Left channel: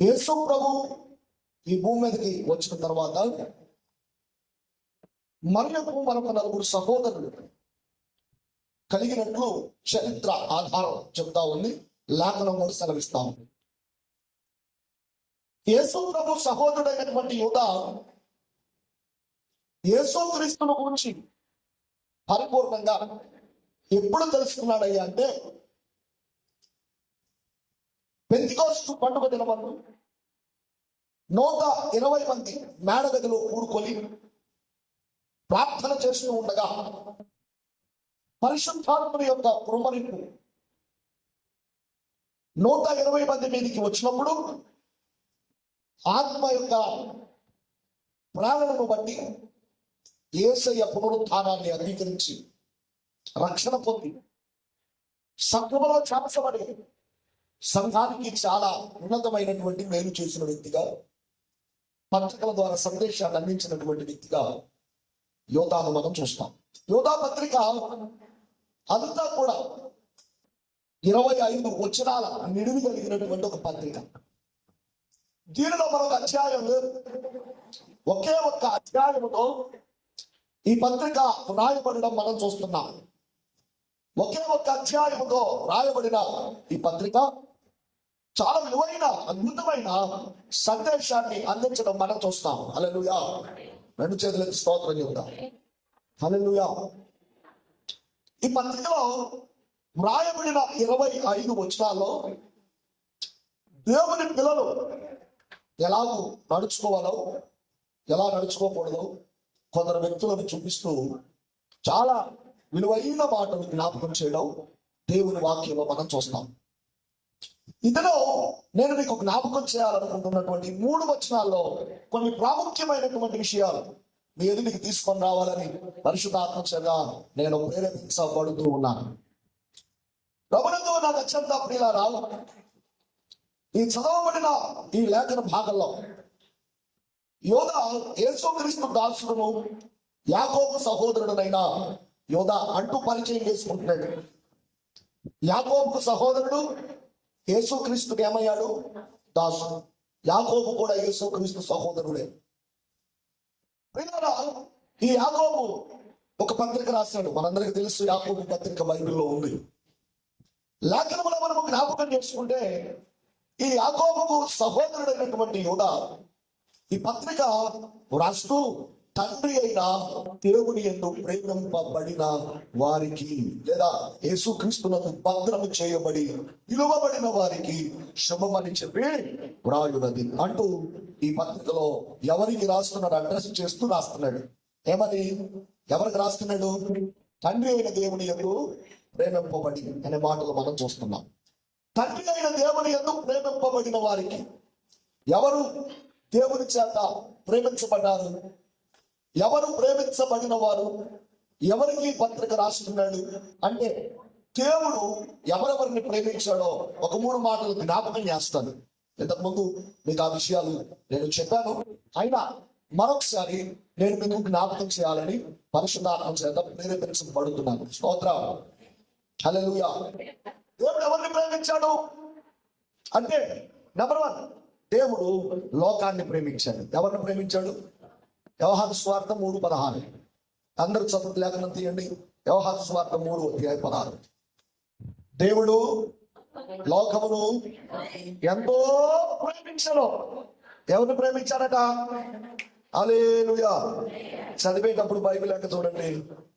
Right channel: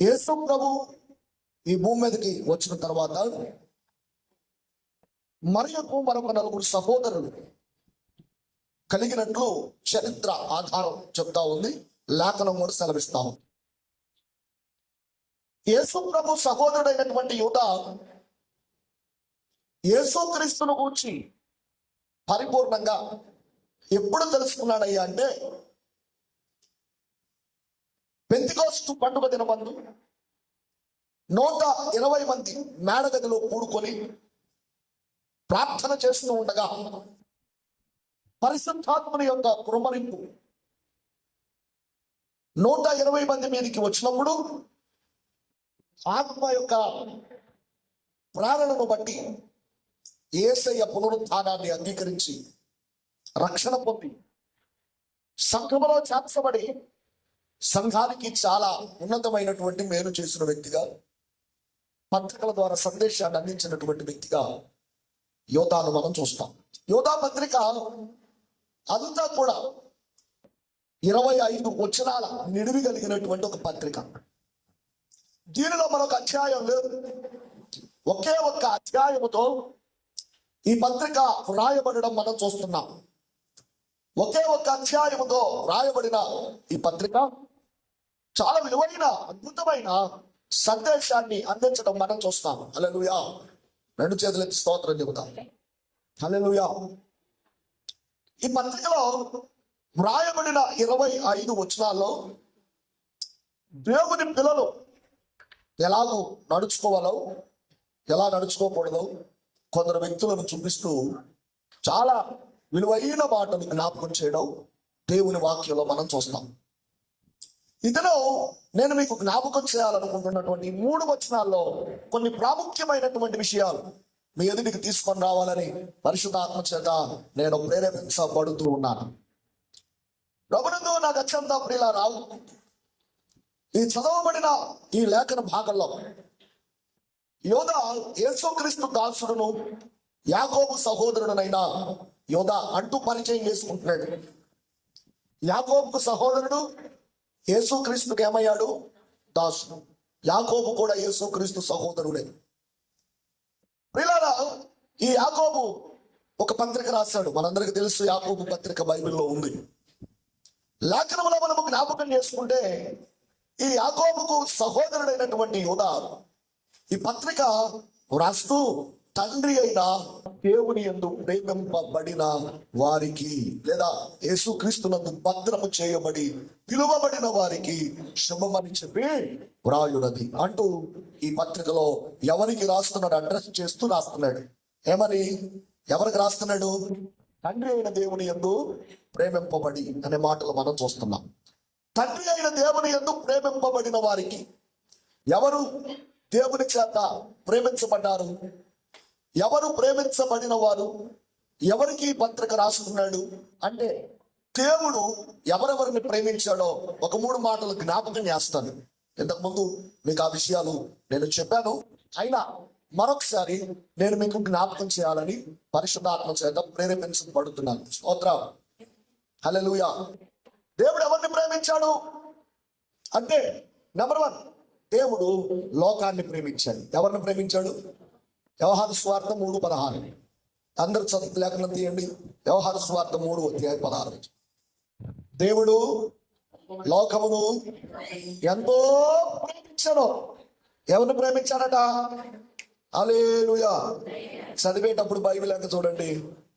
యేసు ప్రభు ఈ భూమి మీదకి వచ్చిన తర్వాత మరియకు మరొక నలుగురు సహోదరులు కలిగినట్లు చరిత్ర ఆధారం చెప్తా ఉంది, లేఖనం కూడా సెలవిస్తా ఉంది. యేసు ప్రభు సహోదరుడైనటువంటి యూదా యేసుక్రీస్తును గురించి పరిపూర్ణంగా ఎప్పుడు తెలుసుకున్నాడయ్యా అంటే, పెంతెకోస్తు పండుగ దినమందు 120 మంది మేడగదిలో కూడుకొని ప్రార్థన చేస్తూ ఉండగా పరిశుద్ధాత్మని యొక్క కృపణింపు 120 మంది మీదకి వచ్చినప్పుడు ఆత్మ యొక్క ప్రేరణను బట్టి యేసయ్య పునరుత్థానాన్ని అంగీకరించి రక్షణ పొంది సంఘములో చేర్చబడి సంఘానికి చాలా ఉన్నతమైనటువంటి మేలు చేసిన వ్యక్తిగా, పత్రికల ద్వారా సందేశాన్ని అందించినటువంటి వ్యక్తిగా యోధాను మనం చూస్తాం. యోధా పత్రిక అంతా కూడా 25 వచనాల నిడివి కలిగినటువంటి ఒక పత్రిక. దీనిలో మరొక అధ్యాయం లేదు, ఒకే ఒక్క అధ్యాయముతో ఈ పత్రిక వ్రాయబడడం మనం చూస్తున్నాం. ఒకే ఒక్క అధ్యాయముతో రాయబడిన ఈ పత్రిక చాలా విలువైన అద్భుతమైన సందేశాన్ని అందించడం మనం చూస్తాం. హల్లెలూయా. 2 చేతులెత్తి స్తోత్రం చెబుతాం. హల్లెలూయా. ఈ పత్రికలో వ్రాయబడిన 25 వచనాల్లో దేవుని పిల్లలు ఎలాగూ నడుచుకోవాలో, ఎలా నడుచుకోకూడదో కొందరు వ్యక్తులను చూపిస్తూ చాలా విలువైన మాటను జ్ఞాపకం చేయడం దేవుని వాక్యంలో మనం చూస్తాం. ఇందులో నేను మీకు జ్ఞాపకం చేయాలనుకుంటున్నటువంటి 3 వచనాల్లో కొన్ని ప్రాముఖ్యమైనటువంటి విషయాలు మీ ఎదుటికి తీసుకొని రావాలని పరిశుద్ధాత్మ చేత నేను ప్రేరేపించబడుతూ ఉన్నాను. ప్రభునందు నాకు అత్యంత ప్రియులారా, ఈ చదవబడిన ఈ లేఖన భాగంలో యోధా యేసుక్రీస్తు దాసుడును యాకోబు సహోదరుడునైన యోధా అంటూ పరిచయం చేసుకుంటున్నాడు. యాకోబుకు సహోదరుడు, యేసుక్రీస్తుకి ఏమయ్యాడు? దాసుడు. యాకోబు కూడా యేసుక్రీస్తు సహోదరుడే. ప్రియులారా, ఈ యాకోబు ఒక పత్రిక రాశాడు. మనందరికీ తెలుసు, యాకోబు పత్రిక బైబిల్లో ఉంది. లేఖనంలో మనము జ్ఞాపకం చేసుకుంటే ఈ యాకోబుకు సహోదరుడైనటువంటి యోధా ఈ పత్రిక రాస్తూ తండ్రి అయిన దేవుని యందు ప్రేమింపబడిన వారికి, లేదా యేసుక్రీస్తునందు భద్రము చేయబడి పిలువబడిన వారికి శుభమని చెప్పి వ్రాయున్నది అంటూ ఈ పత్రికలో ఎవరికి రాస్తున్నాడు? అడ్రస్ చేస్తూ రాస్తున్నాడు. ఏమని? ఎవరికి రాస్తున్నాడు? తండ్రి అయిన దేవుని యందు ప్రేమింపబడి అనే మాటలు మనం చూస్తున్నాం. తండ్రి అయిన దేవుని యందు ప్రేమింపబడిన వారికి, ఎవరు దేవుని చేత ప్రేమించబడ్డారు, ఎవరు ప్రేమించబడిన వారు, ఎవరికి పత్రిక రాస్తున్నాడు అంటే, దేవుడు ఎవరెవరిని ప్రేమించాడో ఒక 3 మాటలు జ్ఞాపకం చేస్తాను. ఇంతకుముందు మీకు ఆ విషయాలు నేను చెప్పాను, అయినా మరొకసారి నేను మీకు జ్ఞాపకం చేయాలని పరిశుద్ధాత్మ చేత ప్రేరేపించబడుతున్నాను. స్తోత్రం. హల్లెలూయా. దేవుడు ఎవరిని ప్రేమించాడు అంటే, నెంబర్ 1, దేవుడు లోకాన్ని ప్రేమించాడు. ఎవరిని ప్రేమించాడు? యోహాను సువార్త 3:16. అందరు చదువు లేఖనం తీయండి. యోహాను సువార్త 3:16. దేవుడు లోకమును ఎంతో ప్రేమించను. ఎవరిని ప్రేమించాడట? హల్లెలూయా. చదివేటప్పుడు బైబిల్ లెక్క చూడండి,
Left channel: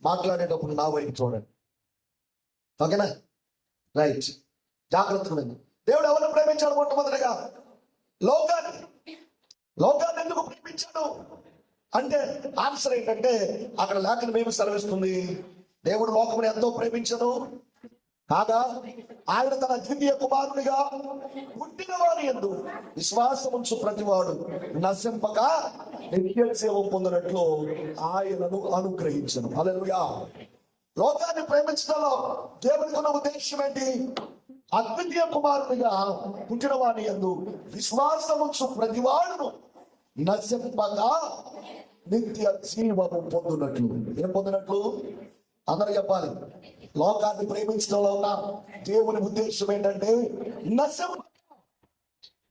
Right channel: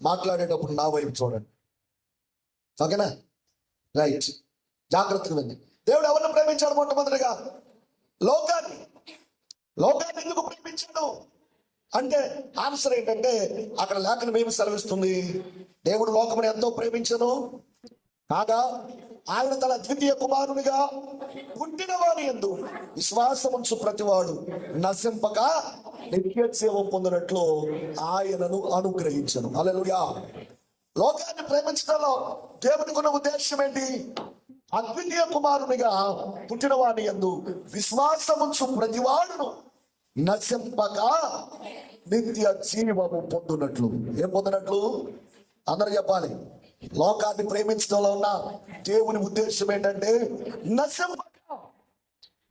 మాట్లాడేటప్పుడు నా వైపు చూడండి. ఓకేనా? రైట్, జాగ్రత్తగా ఉంది. దేవుడు ఎవరిని ప్రేమించాడు? మొట్టమొదటిగా లోకాన్ని. లోకాన్ని ఎందుకు ప్రేమించాడు అంటే ఆన్సర్ ఏంటంటే, అక్కడ లేఖనం ఏమి సెలవిస్తుంది? దేవుడు లోకమును ఎంతో ప్రేమించను కాగా ఆయన తన ద్వితీయ కుమారునిగా పుట్టిన వారి యందు విశ్వాసముంచు ప్రతివాడు నశింపక నిత్య జీవం పొందినట్లు ఆయనను అనుగ్రహించను. హల్లెలూయా. లోకాన్ని ప్రేమించడంలో దేవునికి ఉన్న ఉద్దేశం ఏంటి? అద్వితీయ కుమారునిగా పుట్టిన వారి యందు విశ్వాసముంచు ప్రతివాడును నశింపక నిత్య జీవము పొందునట్లు. ఏం పొందినట్లు? అందరూ చెప్పాలి. లోకాన్ని ప్రేమించడంలో ఉన్న దేవుని ఉద్దేశం ఏంటంటే నశింపక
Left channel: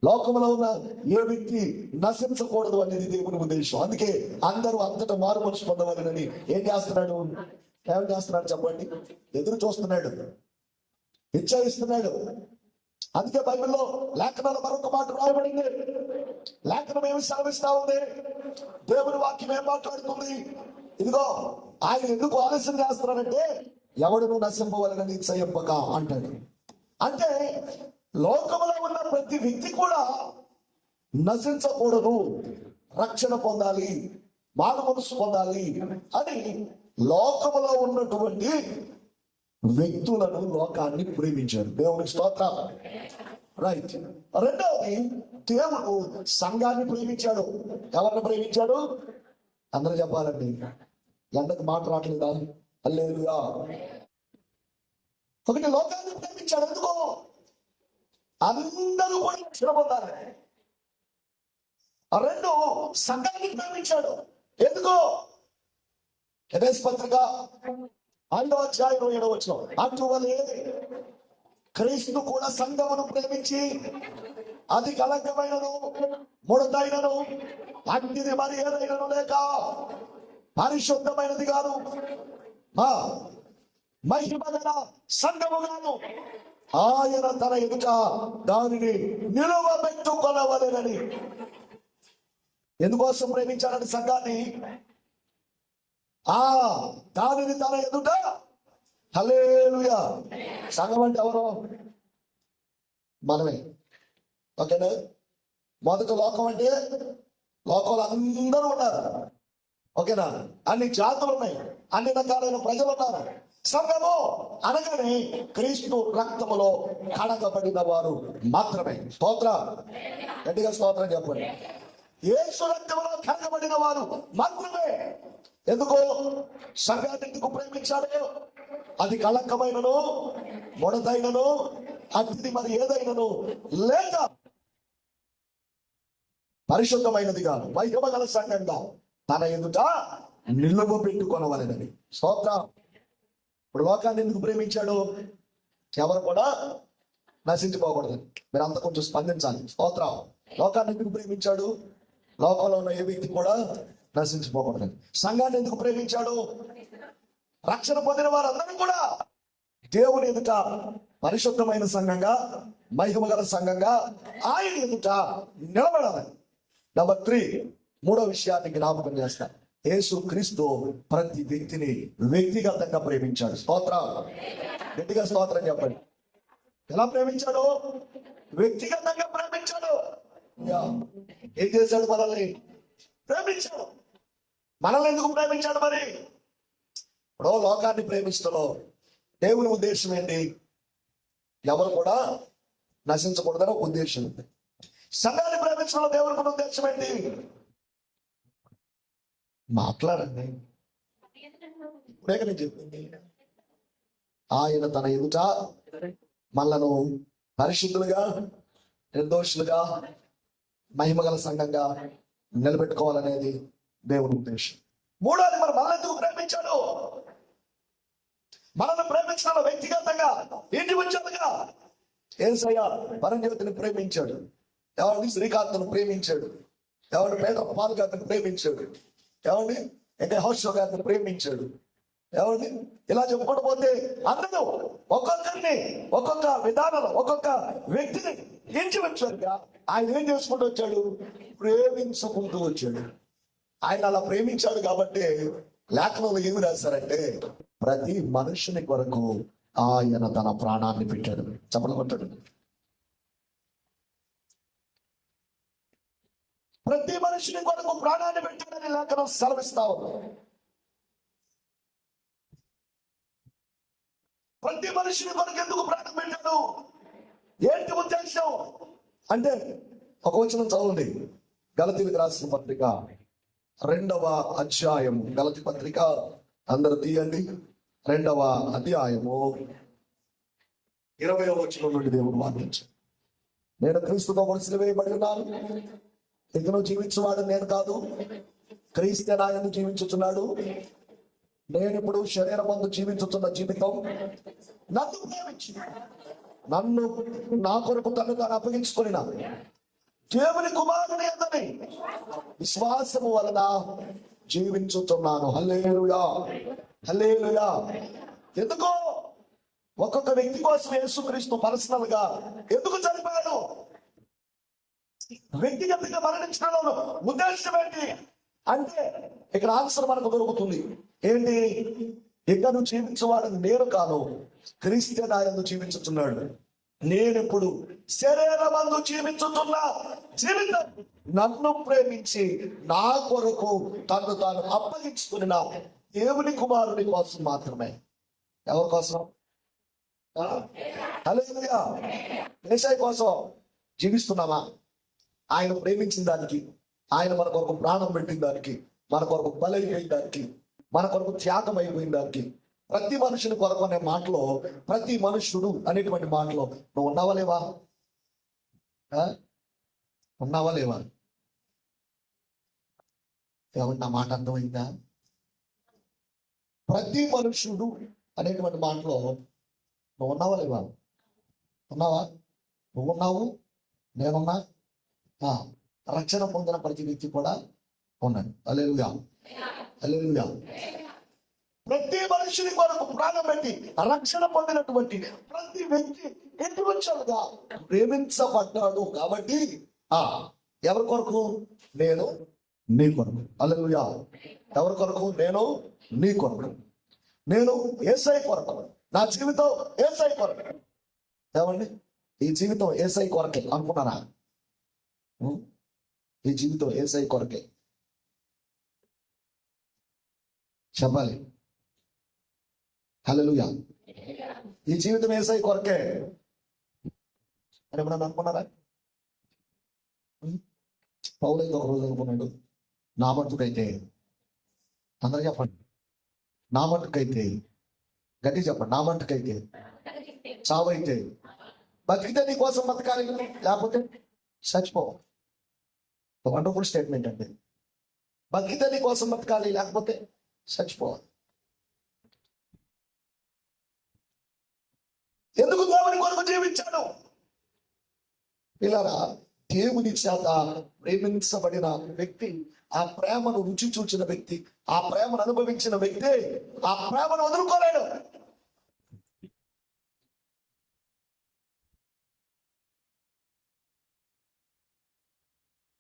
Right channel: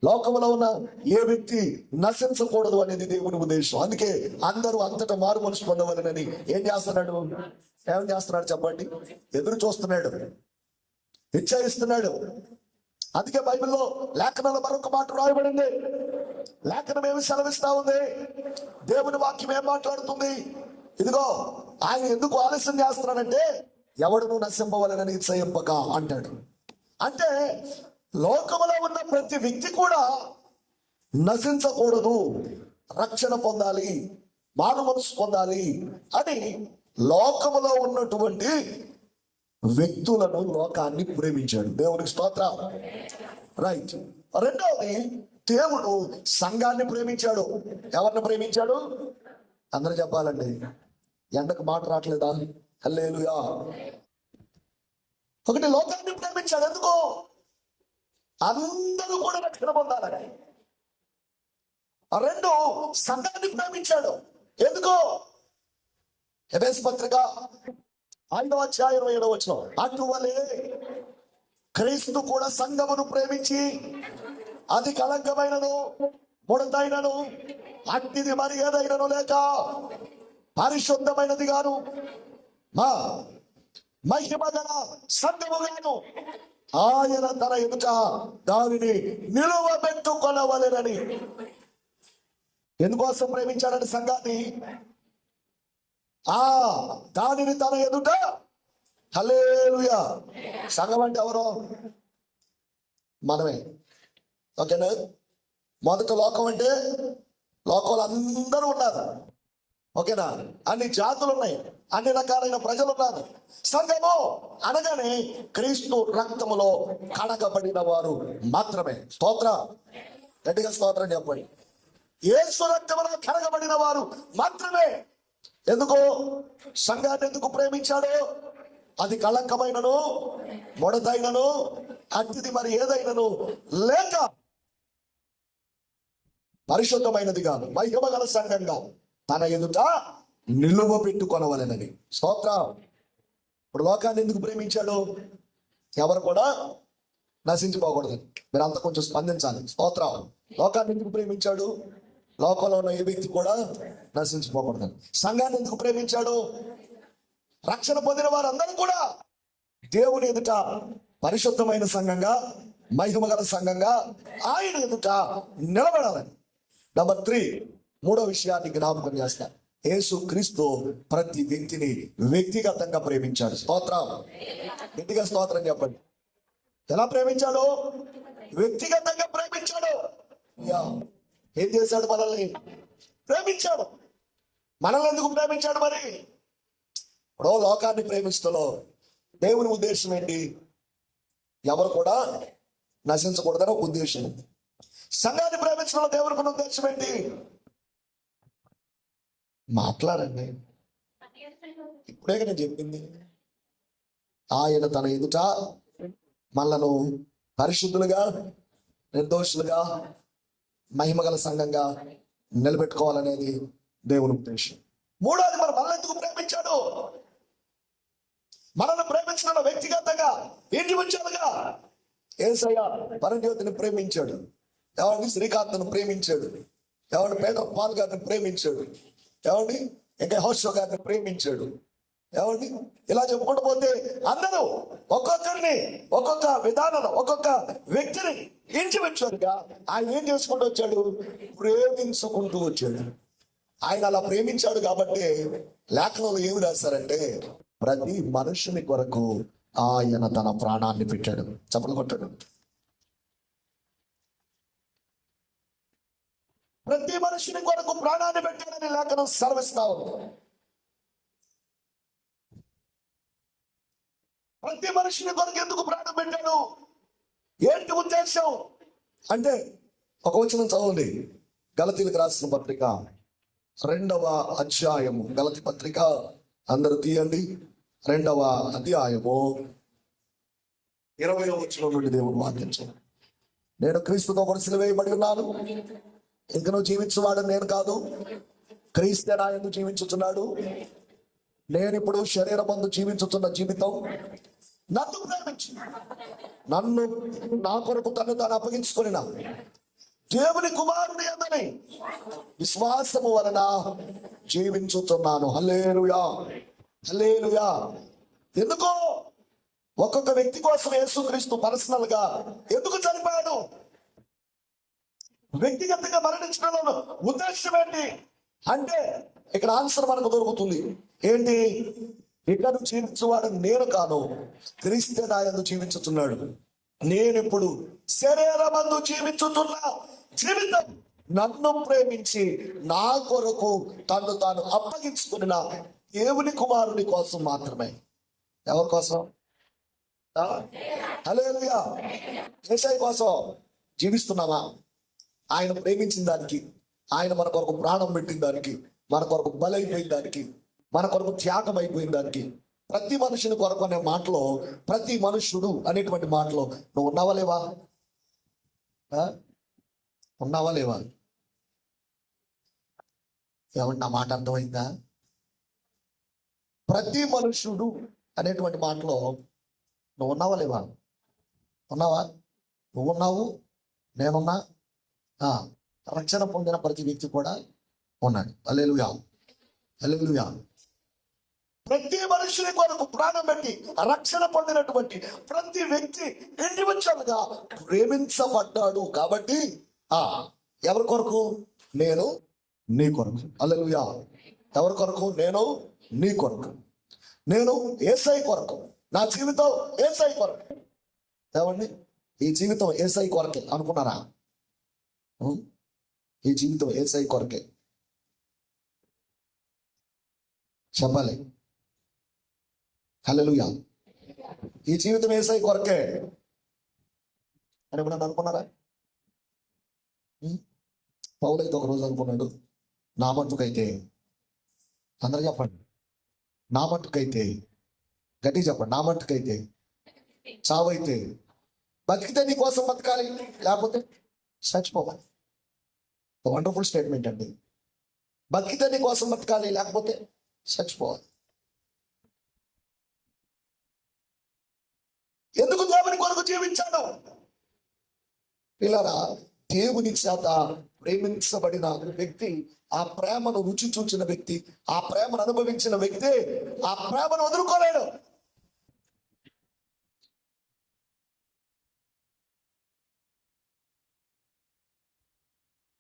లోకంలో ఉన్న ఏ వ్యక్తి నశించకూడదు అనేది దేవుని ఉద్దేశం. అందుకే అందరూ అంతటా మారు మనసు పొందవాలని ఏం చేస్తున్నాడు చెప్పండి? ఎదురు చూస్తున్నాడు, ఇచ్చాయిస్తున్నాడు. అందుకే బైబిల్లో లేఖనాలు మరొక మాట రాయబడింది. లేఖనం ఏమి సెలవిస్తా ఉంది? దేవుని వాక్యం ఏం మాట్లాడుతుంది? ఇదిగో ఆయన ఎందుకు ఆలస్యం చేస్తున్నాడంటే ఎవడును నశింపవలనని ఇచ్చయింపక అంటాడు. అంటే లోకములో ఉన్న ప్రతి వ్యక్తి కూడా నశించకూడదు, రక్షణ పొందాలి, మారు మనసు పొందాలి అని లోకములో ఉన్నటువంటి వ్యక్తులను, లోకాన్ని ప్రేమించాడు. దేవునికి స్తోత్రం. రైట్. రెండవది, దేవుడు సంఘాన్ని ప్రేమించాడు. ఎవరిని ప్రేమించాడు? అందరూ చెప్పాలండి. ఎండకు మాట రావట్లేదా? హల్లెలూయా. ఒకటి, లోకాన్ని ప్రేమించాడు. ఎందుకో అందరూ కూడా రక్షణ పొందాలని. రెండు, సంఘాన్ని ప్రేమించాడు. ఎందుకో ఎఫెసీ పత్రిక 5:27 అటువలే క్రీస్తు కూడా సంఘమును ప్రేమించి అది కళంకమైనను ముడతైనను అట్టిది మరి ఏదైనను లేక పరిశుద్ధమైనది గాను మహిమ గల సంఘముగాను ఆయన తన ఎదుట దానిని నిలువబెట్టుకొనవలెనని. ఎందుకోసం ప్రేమించాలని సంఘాన్ని? దానిని తన ఎదుట. హల్లెలూయా. సంఘం అంటే ఎవరో? మనమే. ఓకేనా? మొదట లోకం అంటే లోకంలో అందరూ ఉన్నారు. ఓకేనా? అన్ని జాతులు ఉన్నాయి, అన్ని రకాలైన ప్రజలు ఉన్నారు. సంఘము అనగానే క్రీస్తు రక్తములో కడగబడిన వారు మాత్రమే. స్తోత్రం. గట్టిగా స్తోత్రం చెప్పండి. యేసు రక్తములో కడగబడిన వారు మాత్రమే. ఎందుకు సంఘాన్ని ఎందుకు ప్రేమించాడు? అది కళంకమైనను ముడతైనను అతిథి మరి ఏదైనను లేక పరిశుద్ధమైనది కాదు, మహిమ గల సంఘంగా తన ఎదుట నిలువ పెట్టుకొనవలెనని. స్తోత్రం. ఇప్పుడు లోకాన్ని ఎందుకు ప్రేమించాడు? ఎవరు కూడా నశించిపోకూడదని. మీరు అంతా కొంచెం స్పందించాలి. స్తోత్రం. లోకాన్ని ఎందుకు ప్రేమించాడు? లోకంలో ఉన్న ఏ వ్యక్తి కూడా నశించిపోకూడదని. సంఘాన్ని ఎందుకు ప్రేమించాడు? రక్షణ పొందిన వారందరూ కూడా దేవుని ఎదుట పరిశుద్ధమైన సంఘంగా, మహిమ గల సంఘంగా ఆయన ఎదుట నిలబడాలని. నంబర్ 3, మూడో విషయాన్ని జ్ఞాపకం చేస్తా. యేసు క్రీస్తు ప్రతి వ్యక్తిని వ్యక్తిగతంగా ప్రేమించాడు. స్తోత్రం. గట్టిగా స్తోత్రం చెప్పండి. ఎలా ప్రేమించాడు? వ్యక్తిగతంగా ప్రేమించాడు. ఏం చేశాడు? మనల్ని ప్రేమించాడు. మనల్ని ఎందుకు ప్రేమించాడు? మరి ఇప్పుడు లోకాన్ని ప్రేమిస్తలో దేవుని ఉద్దేశం ఏంటి? ఎవరు కూడా నశించకూడదని ఉద్దేశం ఉంది. సంఘాన్ని ప్రేమించడంలో దేవునికి ఉన్న ఉద్దేశం ఏంటి? మాట్లాడండి. ఇప్పుడే నేను చెప్పింది. ఆయన తన ఎదుట మనలను పరిశుద్ధులుగా, నిర్దోషులుగా, మహిమగల సంఘంగా నిలబెట్టుకోవాలనేది దేవుని ఉద్దేశం. మూడోది, మరి మనల్ని ఎందుకు ప్రేమించాడు? మనల్ని ప్రేమించడంలో వ్యక్తిగతంగా, ఇండివిజువల్గా యేసయ్య పరజ్యోతిని ప్రేమించాడు. ఎవరిని? శ్రీకాంత్ను ప్రేమించాడు. ఎవరిని? పేటర్ పాల్ గారిని ప్రేమించాడు. ఎవరిని? ఇంకా హౌషో గారిని ప్రేమించాడు. ఎవరిని? ఇలా చెప్పుకుంటూ పోతే అందరూ ఒక్కొక్కరిని, ఒక్కొక్క విధానంలో, ఒక్కొక్క వ్యక్తిని ఇండివిజువల్గా ఆయన ఏం చేసుకుంటూ వచ్చాడు? ప్రేమించుకుంటూ వచ్చాడు. ఆయన అలా ప్రేమించాడు కాబట్టి లేఖనంలో ఏమి రాశారంటే, ప్రతి మనుషుని కొరకు ఆయన తన ప్రాణాన్ని పెట్టాడు. చప్పట్లు కొట్టాడు. ప్రతి మనుషుని కొరకు ప్రాణాన్ని పెట్టాడని లేఖనం సెలవిస్తా ఉంది. ప్రతి మనుషుని కొరకు ఎందుకు ప్రాణం పెట్టాడు? ఏంటి ఉద్దేశం అంటే, ఒక వచనం చదవండి. గలతీలకు రాసిన పత్రిక 2వ అధ్యాయము. గలతీ పత్రిక అందరూ తీయండి. 2వ అధ్యాయము 20వ వచనం నుండి దేవుడు వాదించాడు. నేను క్రీస్తుతో మనసులు వేయబడి ఉన్నాను, ఇంకను జీవించువాడు నేను కాదు, క్రీస్తే నా యందు జీవించుచున్నాడు. నేను ఇప్పుడు శరీరమందు జీవించుతున్న జీవితం నన్ను ప్రేమించి నన్ను నా కొరకు తను తాను అప్పగించుకుని దేవుని కుమారుని యందని విశ్వాసము వలన జీవించుతున్నాను. హల్లెలూయా, హల్లెలూయా. ఎందుకో ఒక్కొక్క వ్యక్తి కోసం యేసుక్రీస్తు పర్సనల్ గా ఎందుకు చనిపోయాడు? వ్యక్తిగతంగా మరణించడంలో ఉద్దేశం ఏంటి అంటే ఇక్కడ ఆన్సర్ మనకు దొరుకుతుంది. ఏంటి? ఇక నువ్వు జీవించేవాడని నేను కాను, క్రీస్తు నాయందు జీవించుతున్నాడు. నేను ఇప్పుడు శరీరమందు జీవించుతున్నా జీవితం నన్ను ప్రేమించి నా కొరకు తను తాను అప్పగించుకున్న దేవుని కుమారుని కోసం మాత్రమే. ఎవరి కోసం? హల్లెలూయా. యేసయ్య కోసం జీవిస్తున్నామా? ఆయన ప్రేమించిన దానికి, ఆయన మన కొరకు ప్రాణం పెట్టిన దానికి, మన కొరకు బలైపోయిన దానికి, మన కొరకు త్యాగం అయిపోయిన దానికి, ప్రతి మనుషుని కొరకు అనే మాటలో ప్రతి మనుష్యుడు అనేటువంటి మాటలో నువ్వు ఉన్నావా లేవా? ఉన్నావా లేవా? ఏమన్నా మాట అర్థమైందా? ప్రతి మనుష్యుడు అనేటువంటి మాటలో నువ్వు ఉన్నావా లేవా? ఉన్నావా? నువ్వు ఉన్నావు, నేనున్నా, రక్షణ పొందిన ప్రతి వ్యక్తి కూడా ఉన్నాడు. హల్లెలూయా, హల్లెలూయా. ప్రతి మనుషుని కొరకు ప్రాణం పెట్టి రక్షణ పొందినటువంటి ప్రతి వ్యక్తి ఇండివిజువల్ గా ప్రేమించబడ్డాడు. కాబట్టి ఎవరి కొరకు? నేను నీ కొరకు. హల్లెలూయా. ఎవరి కొరకు? నేను నీ కొరకు. నేను యేసయ్య కొరకు. నా జీవితం యేసయ్య కొరకు. ఏమండి? ఈ జీవితం యేసయ్య కొరకే అనుకున్నారా? ఈ జీవితం యేసయ్య కొరకే చెప్పాలి. హల్లెలూయా. ఈ జీవితం యేసయ్య కొరకే అని ఎప్పుడన్నా అనుకున్నారా? పౌలైతే ఒక రోజు అనుకున్నాడు, నా మట్టుకైతే, అందరూ చెప్పండి, నా మట్టుకైతే, గట్టి చెప్పండి, నా మట్టుకైతే చావైతే, బతికితే నీ కోసం బతకాలి, లేకపోతే చచ్చిపోవాలి. వండర్ఫుల్ స్టేట్మెంట్ అండి. బతికితే నీ కోసం బతకాలి, లేకపోతే చచ్చిపోవాలి. ఎందుకు దేవుని కొరకు జీవించాడు? పిల్లరా, దేవుని చేత ప్రేమించబడిన వ్యక్తి, ఆ ప్రేమను రుచి చూచిన వ్యక్తి, ఆ ప్రేమను అనుభవించిన వ్యక్తి ఆ ప్రేమను వదులుకోలేడు.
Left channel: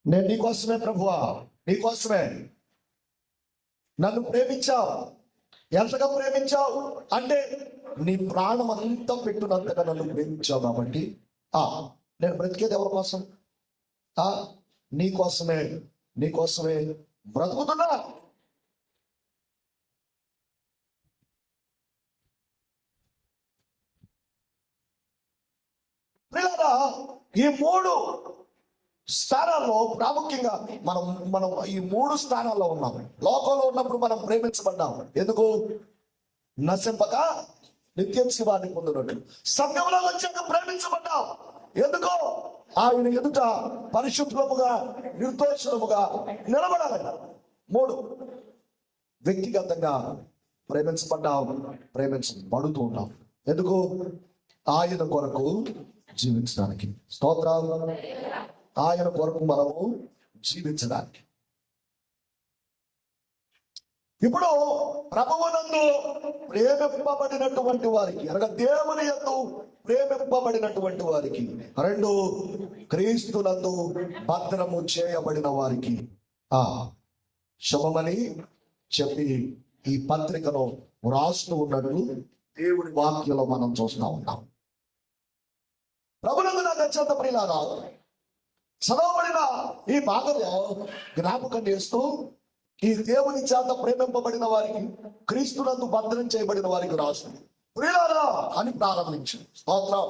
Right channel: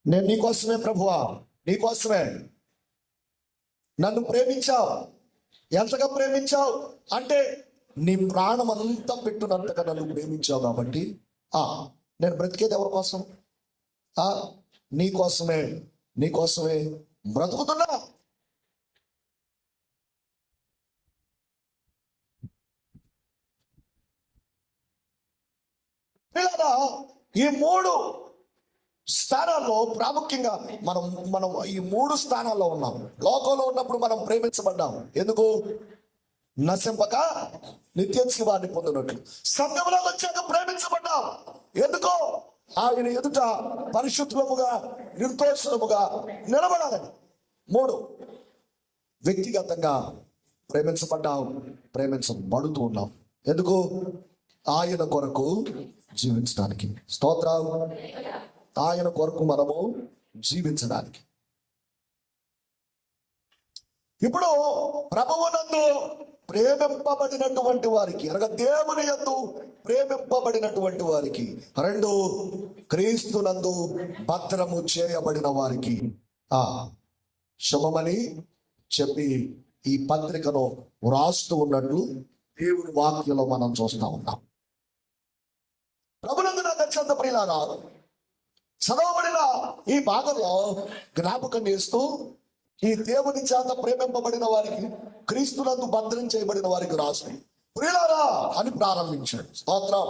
నేను నీకోసమే ప్రభువా, నీకోసమే నన్ను ప్రేమించావు. ఎంతగా ప్రేమించావు అంటే నీ ప్రాణం అంతా పెట్టునంతగా నన్ను ప్రేమించావు. కాబట్టి నేను బ్రతికేది ఎవరి కోసం? నీకోసమే, నీకోసమే బ్రతుకుతున్నా. ఈ మూడు స్థానాల్లో ప్రాముఖ్యంగా మనం మనం ఈ మూడు స్థానాల్లో ఉన్నాం. లోకంలో ఉన్నప్పుడు మనం ప్రేమించబడ్డాం. ఎందుకు? నశింపక నిత్య జీవాన్ని పొందినట్టు. సంఘంలో వచ్చాక ప్రేమించబడ్డాం. ఎందుకో? ఆయన ఎదుట పరిశుద్ధముగా నిర్దోషముగా నిలబడాలని. మూడు, వ్యక్తిగతంగా ప్రేమించబడ్డాం, ప్రేమించబడుతూ ఉన్నాం. ఎందుకు? ఆయన కొరకు జీవించడానికి. స్తోత్రం. ఆయన కొరకు మనము జీవించడానికి. ఇప్పుడు ప్రభువునందు ప్రేమింపబడినటువంటి వారికి, అనగా దేవుని యందు ప్రేమింపబడినటువంటి వారికి, రెండు, క్రీస్తునందు భద్రము చేయబడిన వారికి శుభమని చెప్పి ఈ పత్రికను వ్రాస్తూ ఉన్నట్లు దేవుని వాక్యంలో మనం చూస్తూ ఉన్నాం. ప్రభునందు నాకు అత్యంత ప్రియులారా, చదవబడిన ఈ భాగంలో జ్ఞాపకం చేస్తూ ఈ దేవుని చేత ప్రేమింపబడిన వారికి, క్రీస్తునందు భద్రం చేయబడిన వారికి రాసు ప్రియులారా అని ప్రారంభించాడు. స్తోత్రం.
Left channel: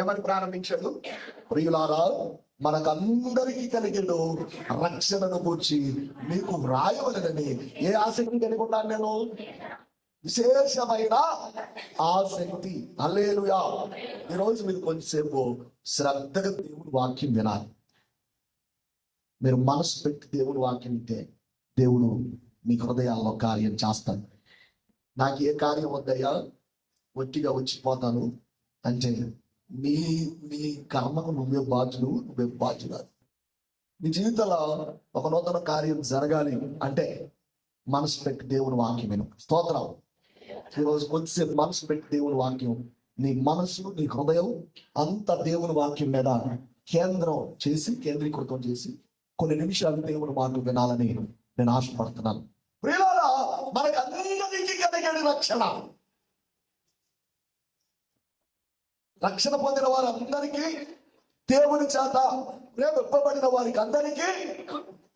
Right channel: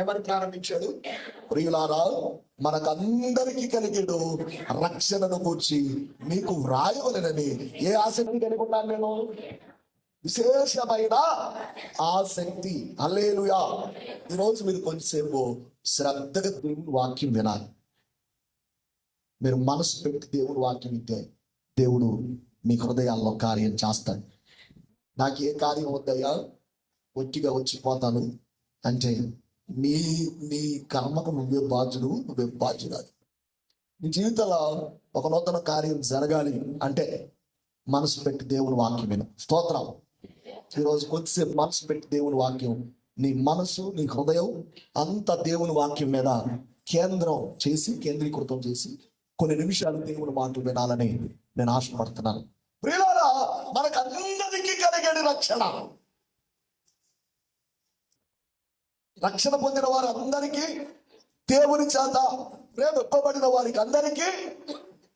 ఏమని ప్రారంభించాడు? ప్రియులారా, మనకందరికీ కలిగిన రక్షణను కూర్చి మీకు వ్రాయవలనని ఏ ఆసక్తి కలిగి ఉన్నాను నేను? విశేషమైన ఆసక్తి. హల్లెలూయా. ఈరోజు మీరు కొంచెంసేపు శ్రద్ధగా దేవుని వాక్యం వినాలి. మీరు మనసు పెట్టి దేవుని వాక్యం వింటే దేవుడు మీ హృదయాల్లో కార్యం చేస్తాడు. నాకు ఏ కార్యం వద్దయ్యా, ఒట్టిగా వచ్చిపోతాను అంటే నీ నీ కర్మకు నువ్వే బాధ్యుడు, నువ్వే బాధ్యురాలు. నీ జీవితంలో ఒక నూతన కార్యం జరగాలి అంటే మనసు పెట్టి దేవుని వాక్యం విను. స్తోత్రం. ఈరోజు కొద్దిసేపు మనసు పెట్టి దేవుని వాక్యం, నీ మనసు నీ హృదయం అంత దేవుని వాక్యం మీద కేంద్రీకృతం చేసి కొన్ని నిమిషాలు దేవుని మాటలు వినాలని నేను ఆశపడుతున్నాను. ప్రియులారా, మనకు అందరికీ కలిగేది రక్షణ పొందిన వారందరికీ, దేవుని చేత ప్రేమింపబడిన వారికి అందరికీ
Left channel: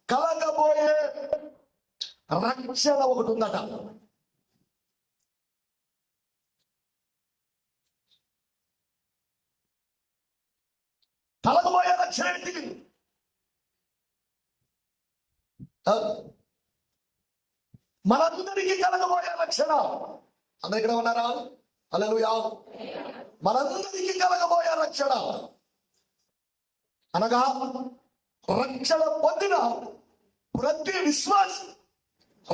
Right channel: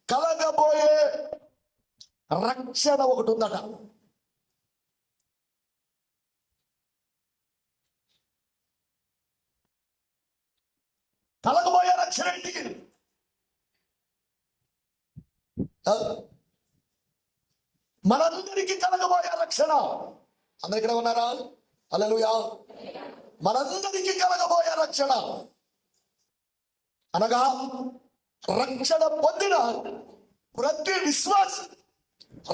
కలగబోయే రక్షణ ఒకటి ఉందట. కలగబోయే రక్షణ ఏంటి? మనందరికీ కలగబోయే రక్షణ. అందరు ఇక్కడ ఉన్నారా? హల్లెలూయా. మనందరికీ కలగబోయే రక్షణ అనగా రక్షణ పొందిన ప్రతి విశ్వాసి,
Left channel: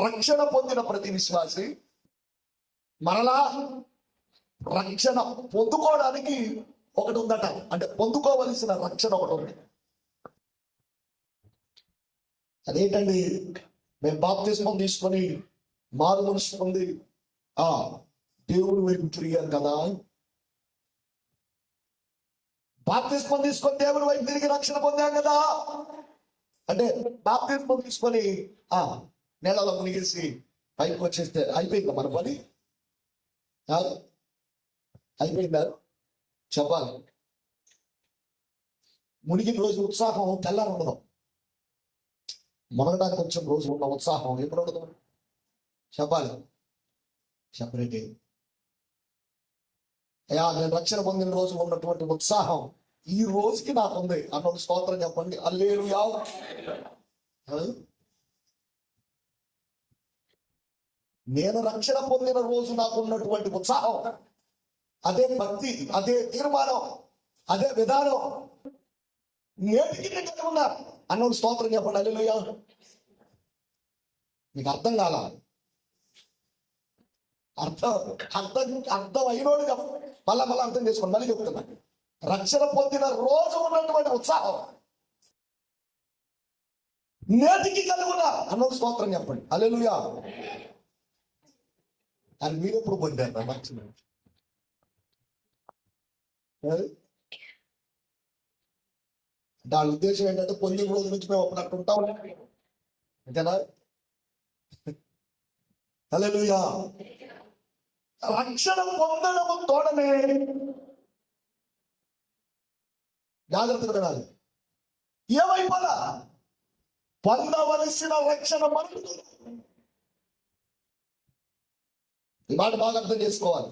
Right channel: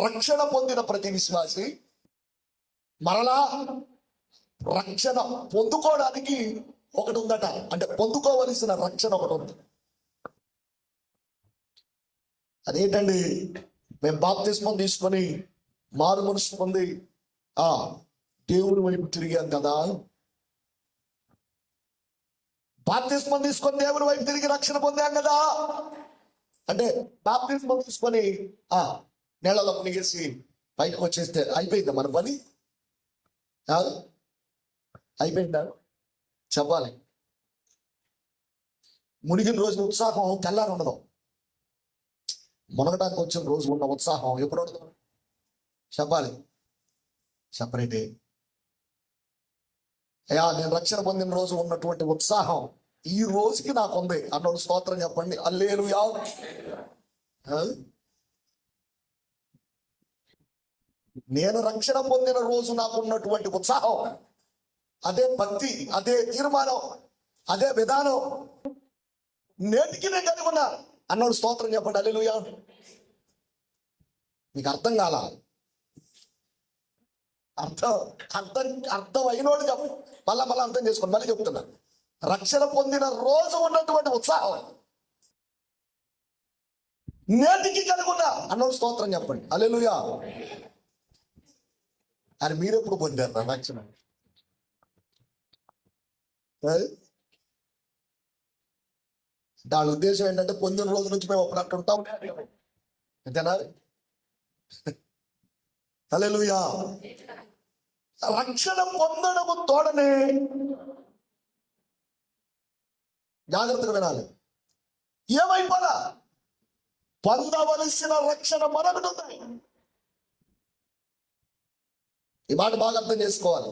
రక్షణ పొందిన ప్రతి విశ్వాసి మరలా రక్షణ పొందుకోవడానికి ఒకటి ఉందట. అంటే పొందుకోవలసిన రక్షణ ఒకటి ఉంది. అదేంటండి? మేము బాప్తిస్మం తీసుకొని మారు మనసు పొంది దేవుని వైపు తిరిగాం కదా. బాప్తిస్మం తీసుకొని దేవుని వైపు తిరిగి రక్షణ పొందాం కదా. అంటే బాప్తిస్మం తీసుకొని నీళ్ళలో మునిగేసి బయటకు వచ్చేస్తే అయిపోయిందా మన పని? అయిపోయిందా? చెప్పాలి. మునిగిన రోజు ఉత్సాహం తెల్లారి ఉండదు. మునగడానికి వచ్చిన రోజు ఉన్న ఉత్సాహం ఎప్పుడు ఉండదు? చెప్పాలి. చెప్పరేంటి? నేను రక్షణ పొందిన రోజు ఉన్నటువంటి ఉత్సాహం ఈ రోజుకి నాకు ఉంది అన్నోడు స్తోత్రం చెప్పండి. హల్లెలూయా. నేను రక్షణ పొందిన రోజు నాకు ఉన్నటువంటి ఉత్సాహం, అదే భక్తి, అదే తీర్మానం, అదే విధానం నేటికి నేను కలిగి ఉన్నా అన్నోడు స్తోత్రం చెప్పండి. హల్లెలూయా. మీకు అర్థం కాల? అర్థం అయినోడు చెప్పండి. మళ్ళా అర్థం చేసుకోండి. మళ్ళీ చెప్తున్నా. రక్షణ పొందిన రోజు ఉన్నటువంటి ఉత్సాహం నేటికి కలిగి ఉన్నా అన్నోడు స్తోత్రం చెప్పండి. హల్లెలూయా. అని మీరెప్పుడు పొందారు రక్షణ? దాని ఉద్దేశం ఏంటంటే పొందిన రోజు నుంచి మేము అప్పుడు అక్కడ ఉంటాం అంతేనా? హల్లెలూయా. రక్షణ పొందడము తోడనే జాగ్రత్తగా వినాలి. ఏమైపోలా పొందవలసిన రక్షణ మరొకటి ఉంది. ఈ మాట బాగా అర్థం చేసుకోవాలి.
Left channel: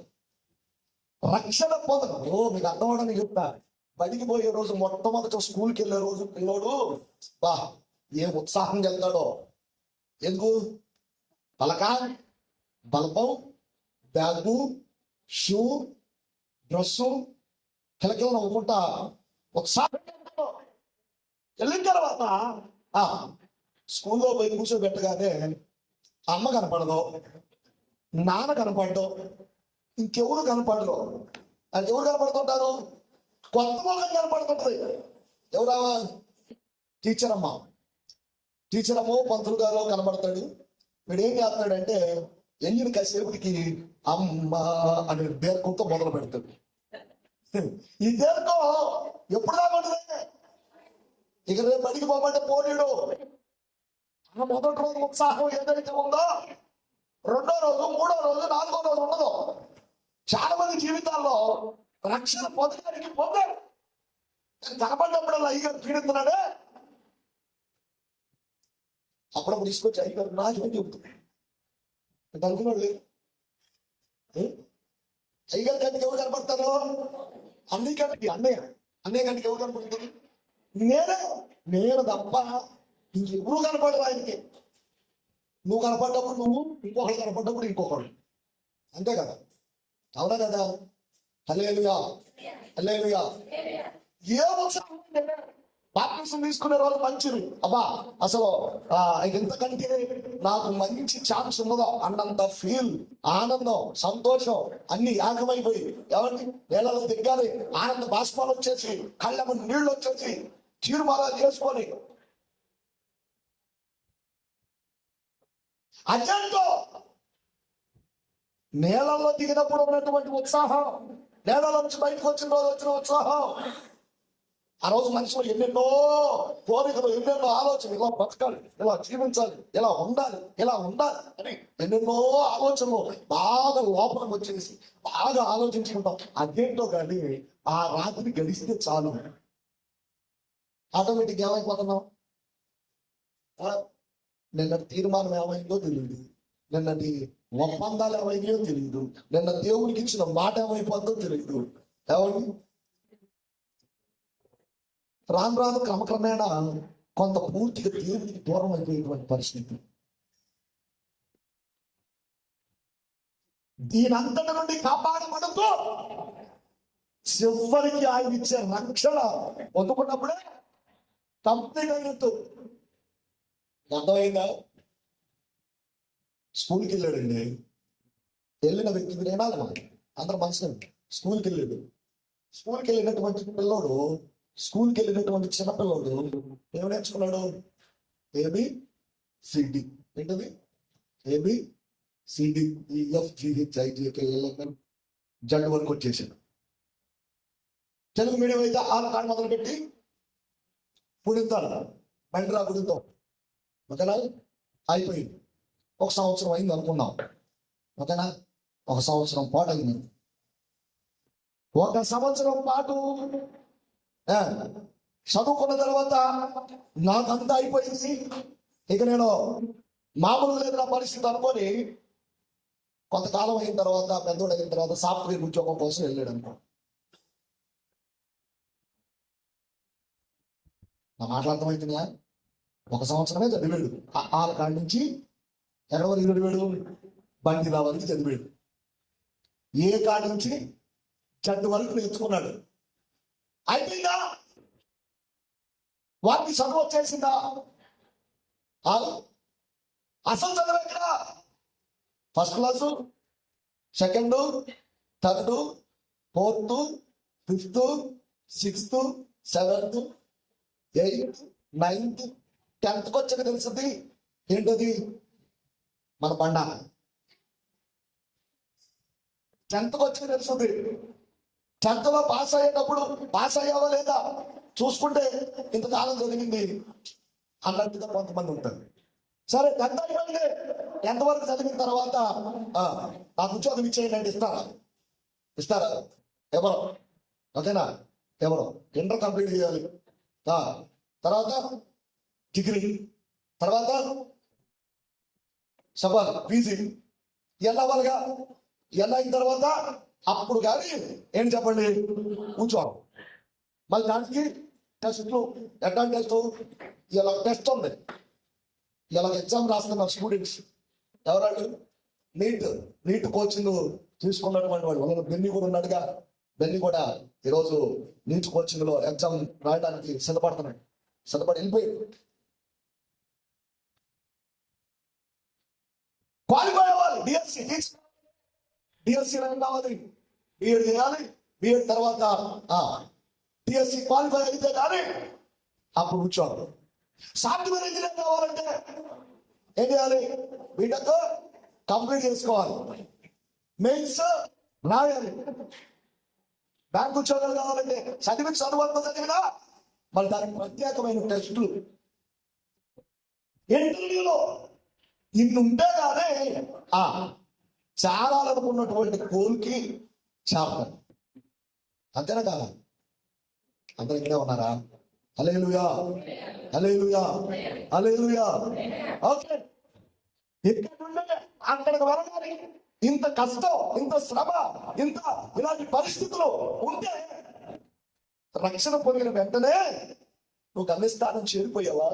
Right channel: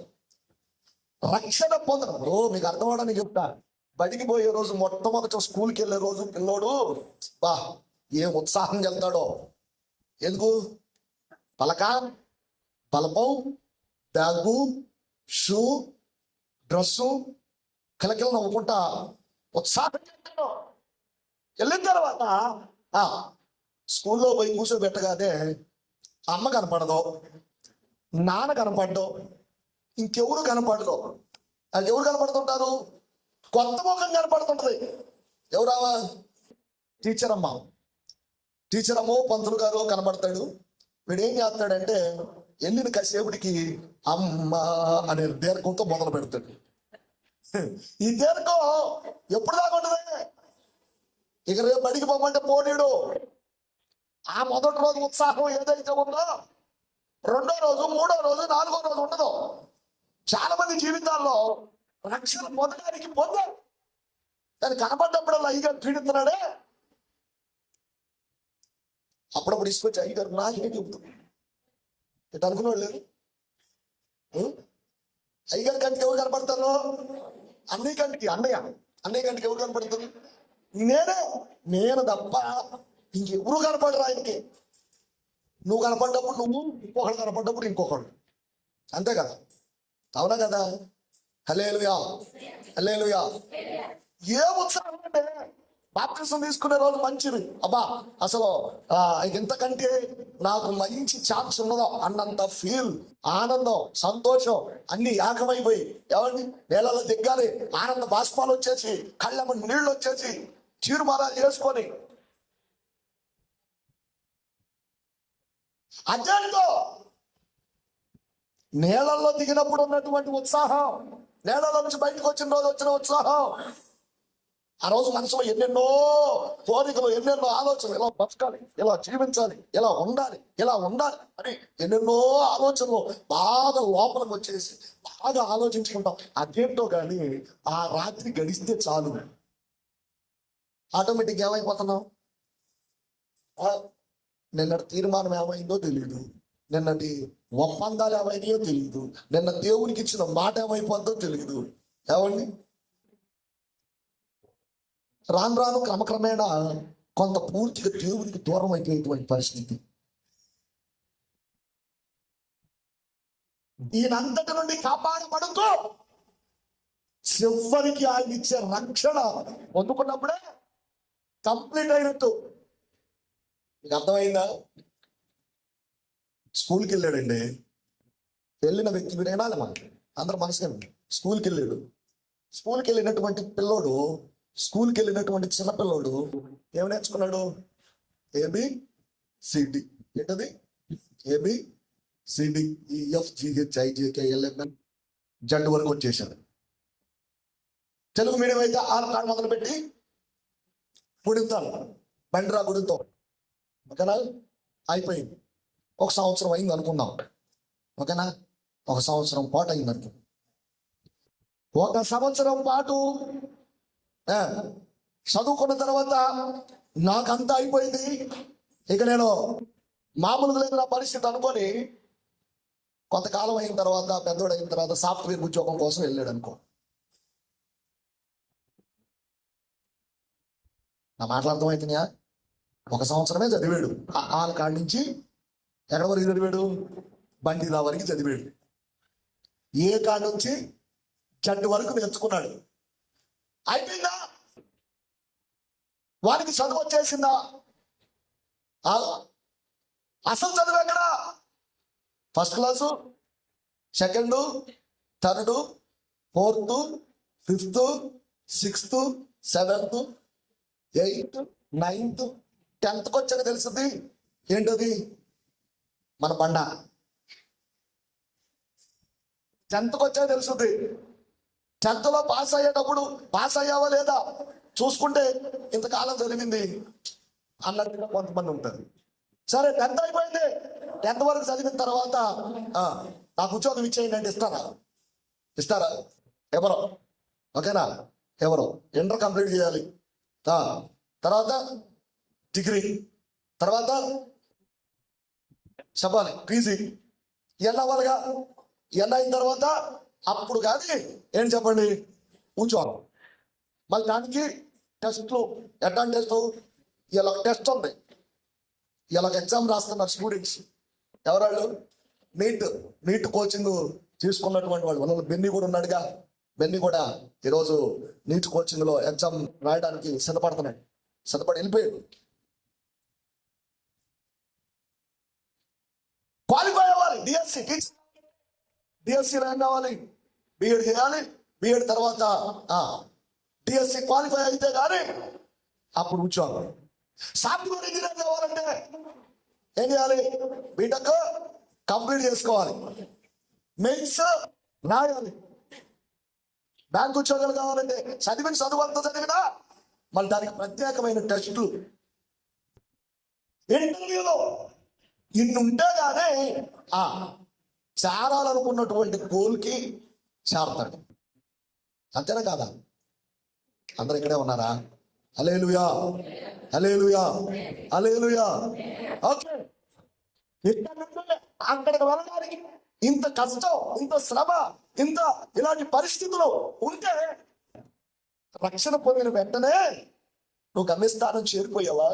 రక్షణ పొందడం మీకు అర్థం అవడానికి చెప్తా. బడికి పోయే రోజు, మొట్టమొదటి స్కూల్కి వెళ్ళే రోజు పిల్లోడు ఏం ఉత్సాహంగా వెళ్తాడో. ఎందుకు? పలక, బలపం, బ్యాగు, షూ, డ్రెస్సు కలకలు నవ్వుకుంటా ఉత్సాహంగా వెళ్తాడు. వెళ్ళిన తర్వాత స్కూల్లో పోయి కూర్చోబెట్టగానే అమ్మ కనపడదు, నాన్న కనపడ్డు, ఇంకెవరు కనపడదు. అది ఎవరు కనపడుతుంటారు? కొత్త ముఖం కనపడుతుంటది. ఎవరా? టీచర్ అమ్మ. టీచర్ అమ్మో పంతులు గారు కనబడతాడు. వీడు ఏం చేస్తాడంటే వెళ్ళిన కాసేపటికి అమ్మ అనే దీర్ఘంతో మొదలు పెడతాడు. ఈ దీర్ఘం ఎప్పుడు దాకా ఉంటుంది? ఇక రేపు బడికి పోమంటే పోనీడు. ఆ మొదటి రోజు ఉత్సాహం ఏదైతే ఉందో రెండో రోజు, మూడో రోజు, నాలుగో రోజు ఉండదు. చాలా మంది జీవితాల్లో రక్షణ పొందడానికి పొందారు, కానీ కనపడ్డప్పుడల్లా అయ్యగారు పీడిస్తున్నాడే. అప్పుడప్పుడు తీసుకొచ్చి అయ్యగారు నాకేం చెబుతుంది ఇటు అనుకున్నాడు లేదు. అయ్యగారి కంటికి ఎవరు కనపడతాను? అన్నయ్య కంటికి, అన్నయ్య కంటికి ఎవరు కనపడుతుంది? నేను తప్ప ఇంకెవరు కనపడరు ఆయనకి. నువ్వు కనపడ్డప్పుడు నువ్వు, ఇంకొకళ్ళు కనపడ్డప్పుడు ఇంకొకళ్ళు. అంతే కదా? అవునా కదా? హల్లెలూయా. హల్లెలూయా. ఏ ఉత్సాహం అంటే బాప్తిసం తీసుకునే రోజు మంచిది. అబ్బా అసలు ఎంతకంటే నాకు మంచి ఛాన్స్ ఉన్నదో అన్నంత ఫీల్, ఆనందం, సంతోషం అన్ని ఏకమైపోయి ఎవరిని నేలలో దిగ్గాలి. ఆనంద బాష్పాలు వచ్చేసి, కళ్ళ నీళ్ళు వచ్చేసి, తీర్మానాలు చేసుకొని అదేంటో నేలల్లో దిగినప్పుడు ఉన్నటువంటి ఉత్సాహం, నేలలో నుంచి బయటకు వచ్చిన రోజు వచ్చిన ఉత్సాహం, ఆ రోజు మనసులో ఎన్నెన్నో కోరికలు, ఎన్నెన్నో ఆలోచనలు, ఇలా బతకాలి, ఇలా జీవించాలి, ఇలా ఉండాలి అని ఎన్నెన్నో ఆలోచనలు బాగా లోపలికి వచ్చేసి బాగా ఆలోచించుకుంటాం. అదేంటో కానీ ఆ రాత్రి గడిస్తే చాలు, ఆటోమేటిక్ ఏమైపోతున్నాం? నిన్నటి తీర్మానం ఏమైందో తెలియదు, నిన్నటి ఒప్పందాలు ఏమైనాయో తెలియదు, నిన్న దేవునికి ఇచ్చిన మాట ఏమైపోతుందో తెలియదు. ఏమండి, రాను రాను క్రమక్రమేణా కొంత పూర్తిగా దేవునికి దూరం అయిపోయేటువంటి పరిస్థితి. దీనంతటి నుండి కాపాడబడుతూ చివరికి ఆయన ఇచ్చే రక్షణ పొందుకున్నప్పుడే కంప్లీట్ అయినట్టు. మీకు అర్థమైందా? స్కూల్కి వెళ్ళాడండి, వెళ్ళిన వ్యక్తి మీరు వినాలి, అందరూ మనసుగా స్కూల్కి వెళ్ళాడు. స్కూల్కి వెళ్ళినటువంటి పిల్లోడు, స్కూల్కి వెళ్ళినటువంటి చిన్నపిల్లోడు ఏమి నేర్చుకున్నాడు? ABCD. ఏంటది? ABCD EFGHIJKLMN జడ్ వరకు వచ్చేసాడు. తెలుగు మీడియం అయితే ఆరు కాడ మొదలుపెట్టి పుడుతాడు, బండిరా గుడితో. ఓకేనా? అయిపోయింది. ఒక సంవత్సరం అయింది అనుకుందాం. ఓకేనా? ఒక సంవత్సరం పాటు అయింది అనుకో. ఒక సంవత్సరం పాటు చదువుకున్న తర్వాత నాకంతా అయిపోయింది, ఇక నేను మామూలుగా లేదు నా పరిస్థితి అనుకొని కొంతకాలం అయిన తర్వాత, పెద్దోడు అయిన తర్వాత సాఫ్ట్వేర్ ఉద్యోగం కోసం వెళ్ళాడు అనుకో. నా మాట్లాడటం ఒక సంవత్సరమే చదివాడు. ఆల కాడి నుంచి ఎక్కడ వరకు చదివాడు? బండిరా వరకు చదివాడు. ఏ కాడ నుంచి జడ్ వరకు నేర్చుకున్నాడు. అయిపోయిందా? వాడికి చదువు వచ్చేసిందా? అసలు చదువు ఎక్కడ? First class, second, third, fourth, fifth, sixth, seventh, 8th, 9th, 10th వచ్చాక తెలుస్తుంది ఏంటది మన బండ. 10th వచ్చాక తెలుస్తుంది. 10th లో పాస్ అయ్యేటప్పుడు పాస్ అయ్యావా లేదా చూసుకుంటే ఇంతకాలం చదివింది అన్నట్టుగా కొంతమంది ఉంటుంది. సరే 10th అయిపోయింది, 10th వరకు చదివిన తర్వాత నాకు ఉద్యోగం ఇచ్చేయండి అంటే ఇస్తారా? ఎవరో? ఓకేనా? ఎవరో ఇంటర్ కంప్లీట్ చేయాలి, తర్వాత డిగ్రీ, తర్వాత చెప్పాలి PG, వెళ్ళవాలిగా. అయిన తర్వాత అప్పుడు కానీ ఏం చెప్పండి ఉద్యోగం. మళ్ళీ దానికి టెస్ట్లు, ఎట్లాంటి టెస్ట్? ఇలా టెస్ట్ ఉంది, ఇలా ఎగ్జామ్ రాస్తున్నారు స్టూడెంట్స్. ఎవరాళ్ళు? నీట్ కోచింగ్ తీసుకున్నటువంటి వాళ్ళు. వాళ్ళ బెన్నీ కూడా ఉన్నాడుగా. బెన్నీ కూడా ఈరోజు నీట్ కోచింగ్ లో ఎగ్జామ్ రాయడానికి సిద్ధపడి వెళ్ళిపోయాడు. క్వాలిఫై అవ్వాలి. డిఎస్సి ర్యాంక్ కావాలి, బిఎడ్ చేయాలి. బిఎడ్ తర్వాత డిఎస్సి క్వాలిఫై అయితే కానీ అప్పుడు ఉద్యోగం. సాఫ్ట్వేర్ ఇంజనీర్ కావాలంటే ఏం చేయాలి? బీటెక్ కంప్లీట్ చేసుకోవాలి, మెయిన్స్ రాయాలి. బ్యాంక్ ఉద్యోగాలు కావాలంటే చదువు అంతా చదివినా మళ్ళీ దానికి ప్రత్యేకమైన టెస్టులు, ఇంటర్వ్యూలో ఇన్ని ఉంటే కానీ చేరాలనుకున్నటువంటి గోల్కి చేరతాడు. అంతేనా కాదా? అందరూ ఇక్కడే ఉన్నారా? హల్లెలూయా, హల్లెలూయా, హల్లెలూయా. ఓకే, ఇక్కడ నుండి అక్కడికి వెళ్ళడానికి ఇంత కష్టం, ఇంత శ్రమ, ఇంత ఇలాంటి పరిస్థితులు ఉంటే రక్షణ పొందిన వెంటనే నువ్వు గమ్యస్థానం చేరిపోయావా?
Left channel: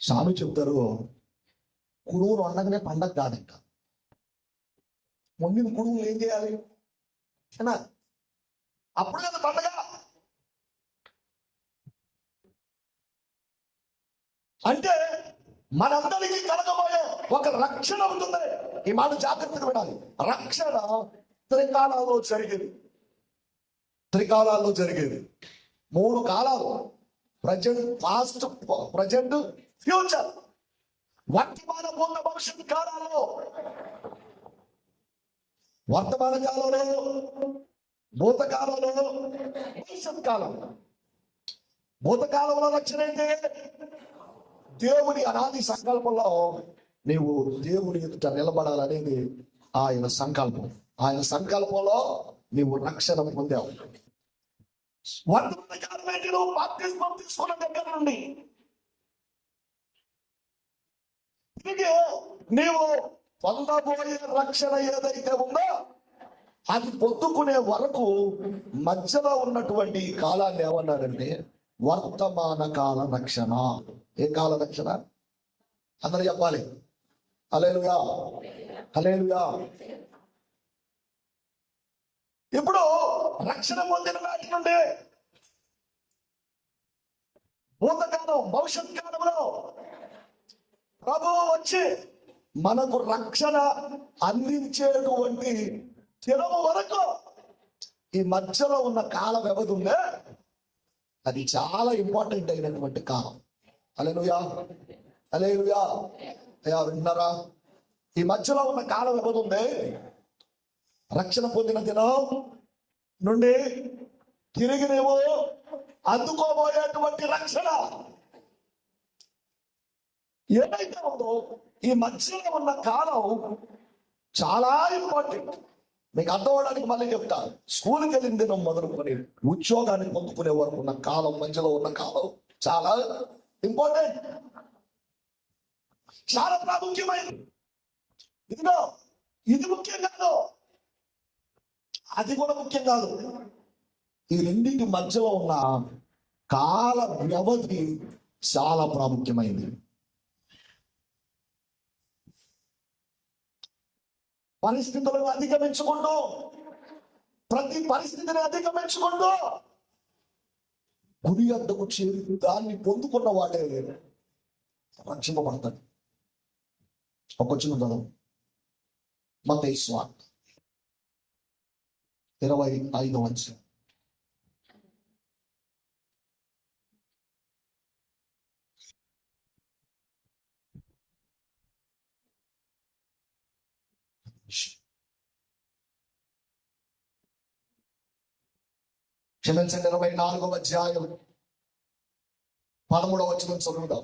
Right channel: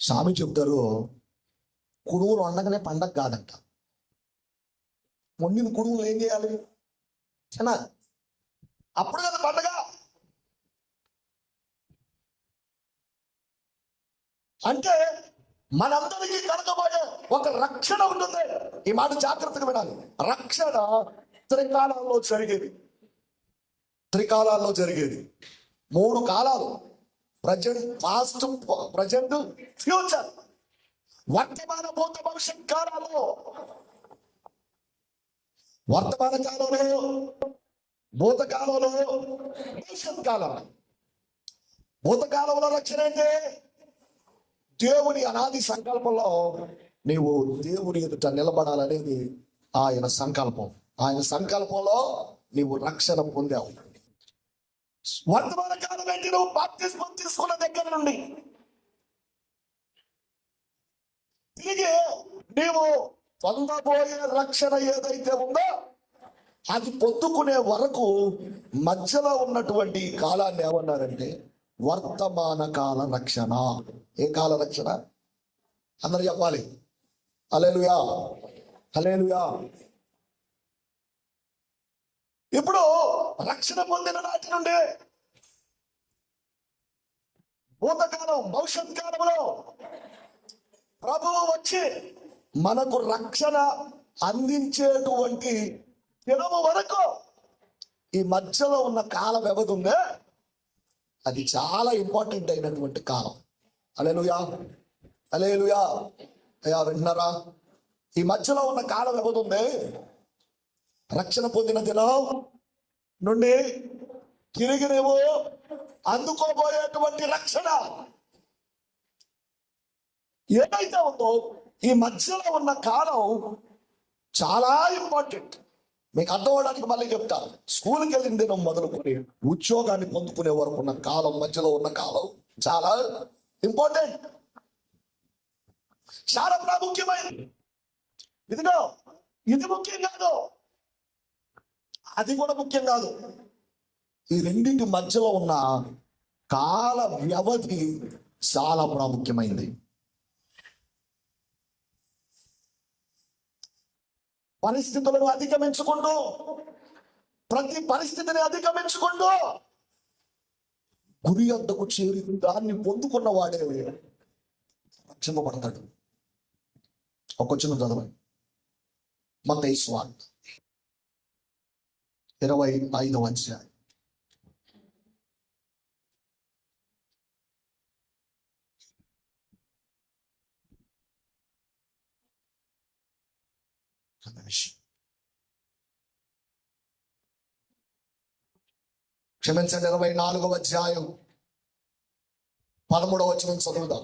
స్వామి చెప్తారు, కుడువులు వండగానే పండగ కాదంట. వండిన కుడువులు ఏం చేయాలి? అప్పుడు కదా పండగ. అంటే మనందరికీ కలగబోయే ఒక రక్షణ ఉంటుంది. ఈ మాట జాగ్రత్తగా వినాలి. రక్షణ త్రికాలాల్లో జరిగేది. మూడు కాలాలు: ప్రజెంట్, పాస్ట్, ప్రజెంట్, ఫ్యూచర్. వర్తమాన, భూత, భవిష్యత్ కాలాల్లో, వర్తమాన కాలంలో, భూతకాలంలో, భవిష్యత్ కాలంలో. భూతకాలంలో రక్షణ అంటే దేవుని అనాది సంకల్పంలో నీవు దేవుని ఎదుట నిలబడాలనేది ఆయన సంకల్పం. ఆయన సంకల్పంలో నీవు రక్షణ పొందావు. వర్తమాన కాలం ఏంటి? నువ్వు బాప్తిస్మం తీసుకున్న దగ్గర నుండి తిరిగి నీవు పొందబోయే రక్షణ ఏదైతే ఉందో అది పొందుకునే వరకు మధ్యలో ఉన్నటువంటి కాలాన్ని ఏమన్నారంటే వర్తమాన కాల రక్షణ. ఏ కాల రక్షణ? అందరూ చెప్పాలి. హల్లెలూయా, హల్లెలూయా. ఇప్పుడు రక్షణ పొందిన నాటి నుండి భూతకాలం, భవిష్యత్ కాలంలో ప్రభువు వచ్చి మనకు రక్షణ అందించేటువంటి దినము వరకు ఈ మధ్యలో ఉన్న కాల వ్యవధి ఉందే, అది చాలా ఇంపార్టెంట్ అయినటువంటి కాలం. హల్లెలూయా, హల్లెలూయా. అయ్యా విన్నారా? ఈ మధ్యలో ఉన్న కాల వ్యవధి ఉంది. రక్షణ పొందిన దినం నుండి తిరిగి నువ్వు అందుకోబోయేటువంటి రక్షణ ఏదైతే ఉందో ఈ మధ్యలో ఉన్న కాలం చాలా ఇంపార్టెంట్. మీకు అర్థం అవడానికి మళ్ళీ చెప్తాను. స్కూల్కి వెళ్ళిన దినం మొదలుకొని ఉద్యోగాన్ని పొందుకునే వరకు ఉన్న కాలం, మధ్యలో ఉన్న కాలం చాలా ఇంపార్టెంట్, చాలా ప్రాముఖ్యమైనది. ఇదిగో ఇది ముఖ్యం కాదు, అది కూడా ముఖ్యం కాదు. ఈ రెండింటి మధ్యలో ఉన్న కాల వ్యవధి చాలా ప్రాముఖ్యమైంది. పరిస్థితులను అధిగమించుకుంటూ, ప్రతి పరిస్థితిని అధిగమించుకుంటూ గురి వద్దకు చేరి దాన్ని పొందుకున్న వాడే రక్షింపబడతాడు. ఒక చిన్న చదవండి. మత్తయి సువార్త 25వ అధ్యాయం. క్షమించండి, 24వ అధ్యాయం 13వ వచనం చదువుదాం.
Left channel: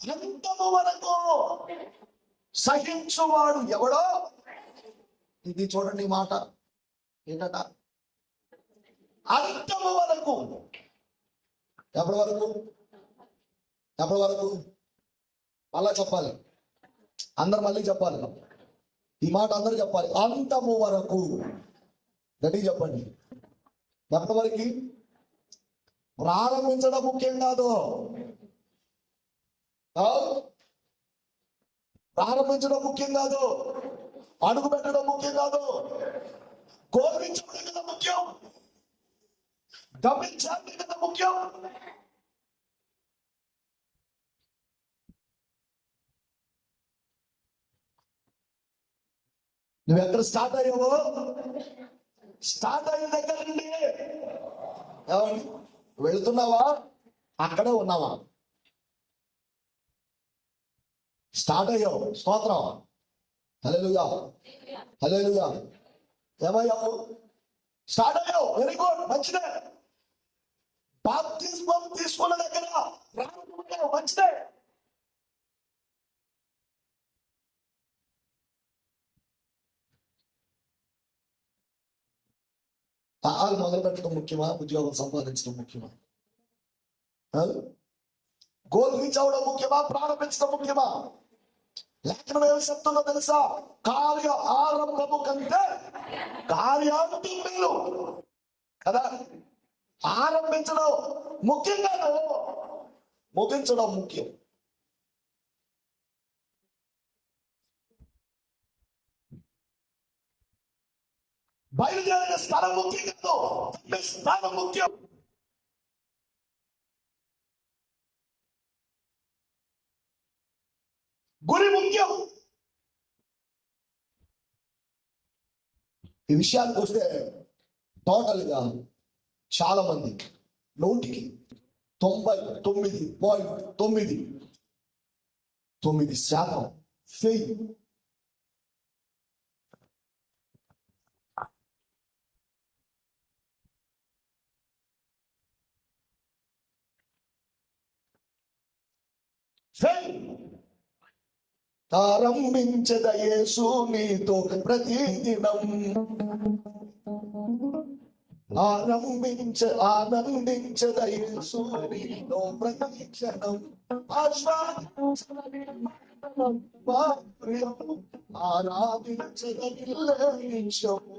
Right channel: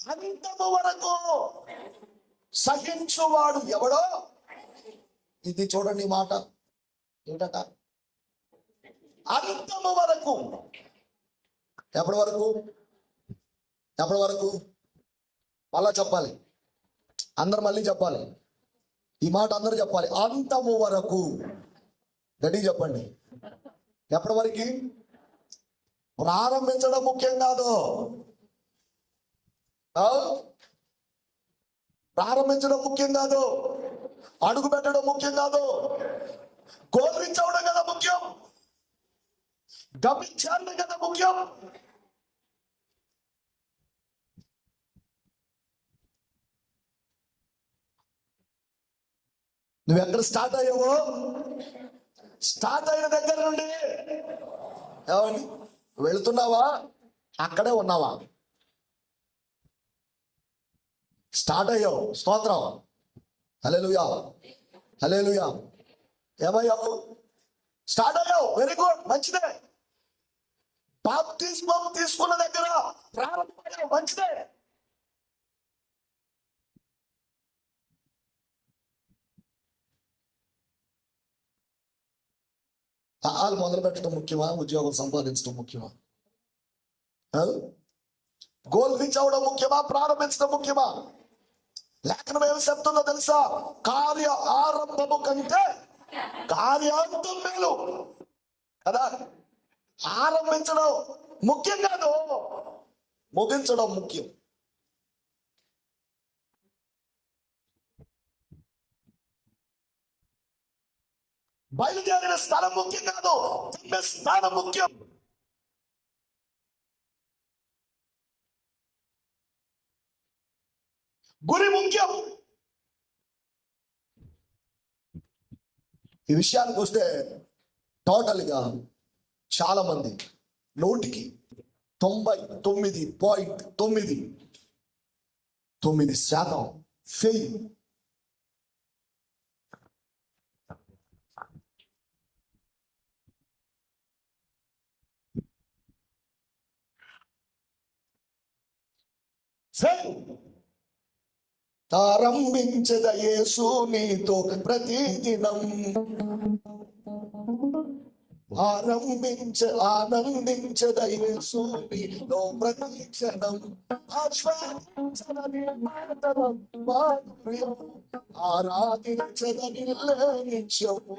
అంతము వరకు సహించువాడు ఎవడో, ఇది చూడండి మాట ఏంటట, అంతము వరకు. ఎప్పటి వరకు? ఎప్పటి వరకు? మళ్ళా చెప్పాలి, అందరు మళ్ళీ చెప్పాలి ఈ మాట, అందరూ చెప్పాలి. అంతము వరకు. గట్టి చెప్పండి. ఎప్పటి వరకు? ప్రారంభించడం ముఖ్యం కాదు, ప్రారంభించడం ముఖ్యం కాదు, అడుగు పెట్టడం ముఖ్యం కాదు, గోల్ రీచ్ అవడం కదా ముఖ్యం, గమనించాలి కదా ముఖ్యం. నువ్వు ఎక్కడ స్టార్ట్ అయ్యావో, స్టార్ట్ అయిన దగ్గర నుండి ఏమండి వెళుతున్నావా, అక్కడే ఉన్నావా? స్టార్ట్ అయ్యావు, స్తోత్రం, హల్లెలూయా, హల్లెలూయా. ఏమయ్యావు? స్టార్ట్ అయ్యావు, వెరీ గుడ్, మంచిదే. బాప్తిస్మం తీసుకున్న దగ్గర ప్రారంభమయ్యావు, మంచిదే. పాలు మొదలు పెట్టడం ముఖ్యమా, ఉద్యోగం సంపాదించడం ముఖ్యమా? గోల్ రీచ్ అవడం ముఖ్యమా, ప్రారంభించడం ముఖ్యమా? లేఖనం ఏమి చెప్తుందో తెలుసా? కార్య ఆరంభము కంటే కార్యాంతం మేలు కదా. ఆరంభించడం ముఖ్యం కాదు, ముగించడం ముఖ్యం. బయలుదేరిన స్థలం ముఖ్యం కాదు, స్థానం ముఖ్యం. గురి ముఖ్యం. ఈ విషయానికి వస్తే టోటల్గా చాలా మంది 99.99% ఫెయిల్. ఆరంభించద యేసు నీతో ప్రతిదినం, ఆనందించద యేసు నీతో ప్రతిక్షణం, ఆరాధించద నిత్యము,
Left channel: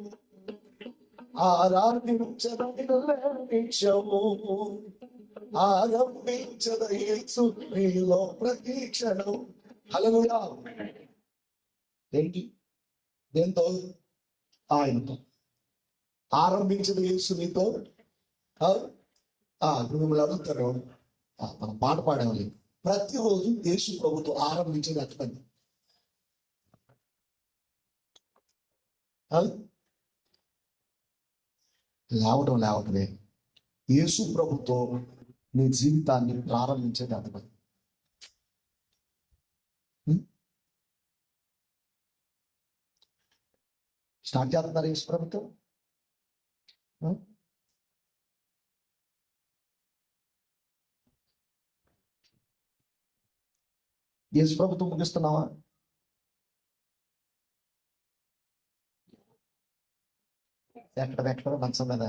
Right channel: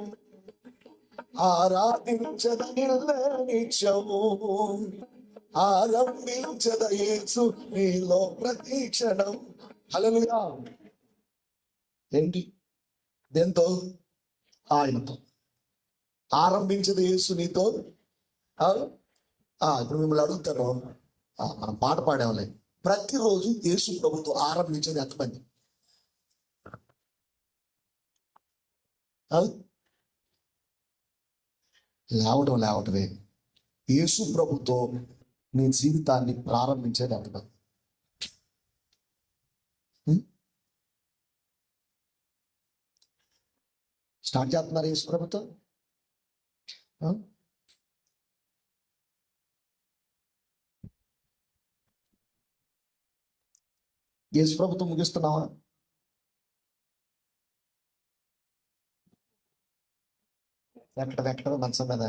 ఆరాధించద నిత్యము, ఆరంభించద యేసు నీలో ప్రతిక్షణం. హల్లెలూయా. ఏంటి? దేంతో? ఆయనతో. ఆరంభించదు యేసు నీతో. ఇప్పుడు మిమ్మల్ని అడుగుతారు, మనం పాట పాడేవాళ్ళే, ప్రతిరోజు యేసు ప్రభుతో ఆరంభించేది ఎంతమంది? లేవటమే. యేసు ప్రభుతో నీ జీవితాన్ని ప్రారంభించేది ఎంతమంది? స్టార్ట్ చేస్తున్నారు యేసు ప్రభుతో? యేసు ప్రభుతో ముగిస్తున్నావా? ఎక్కడ మంచం మీద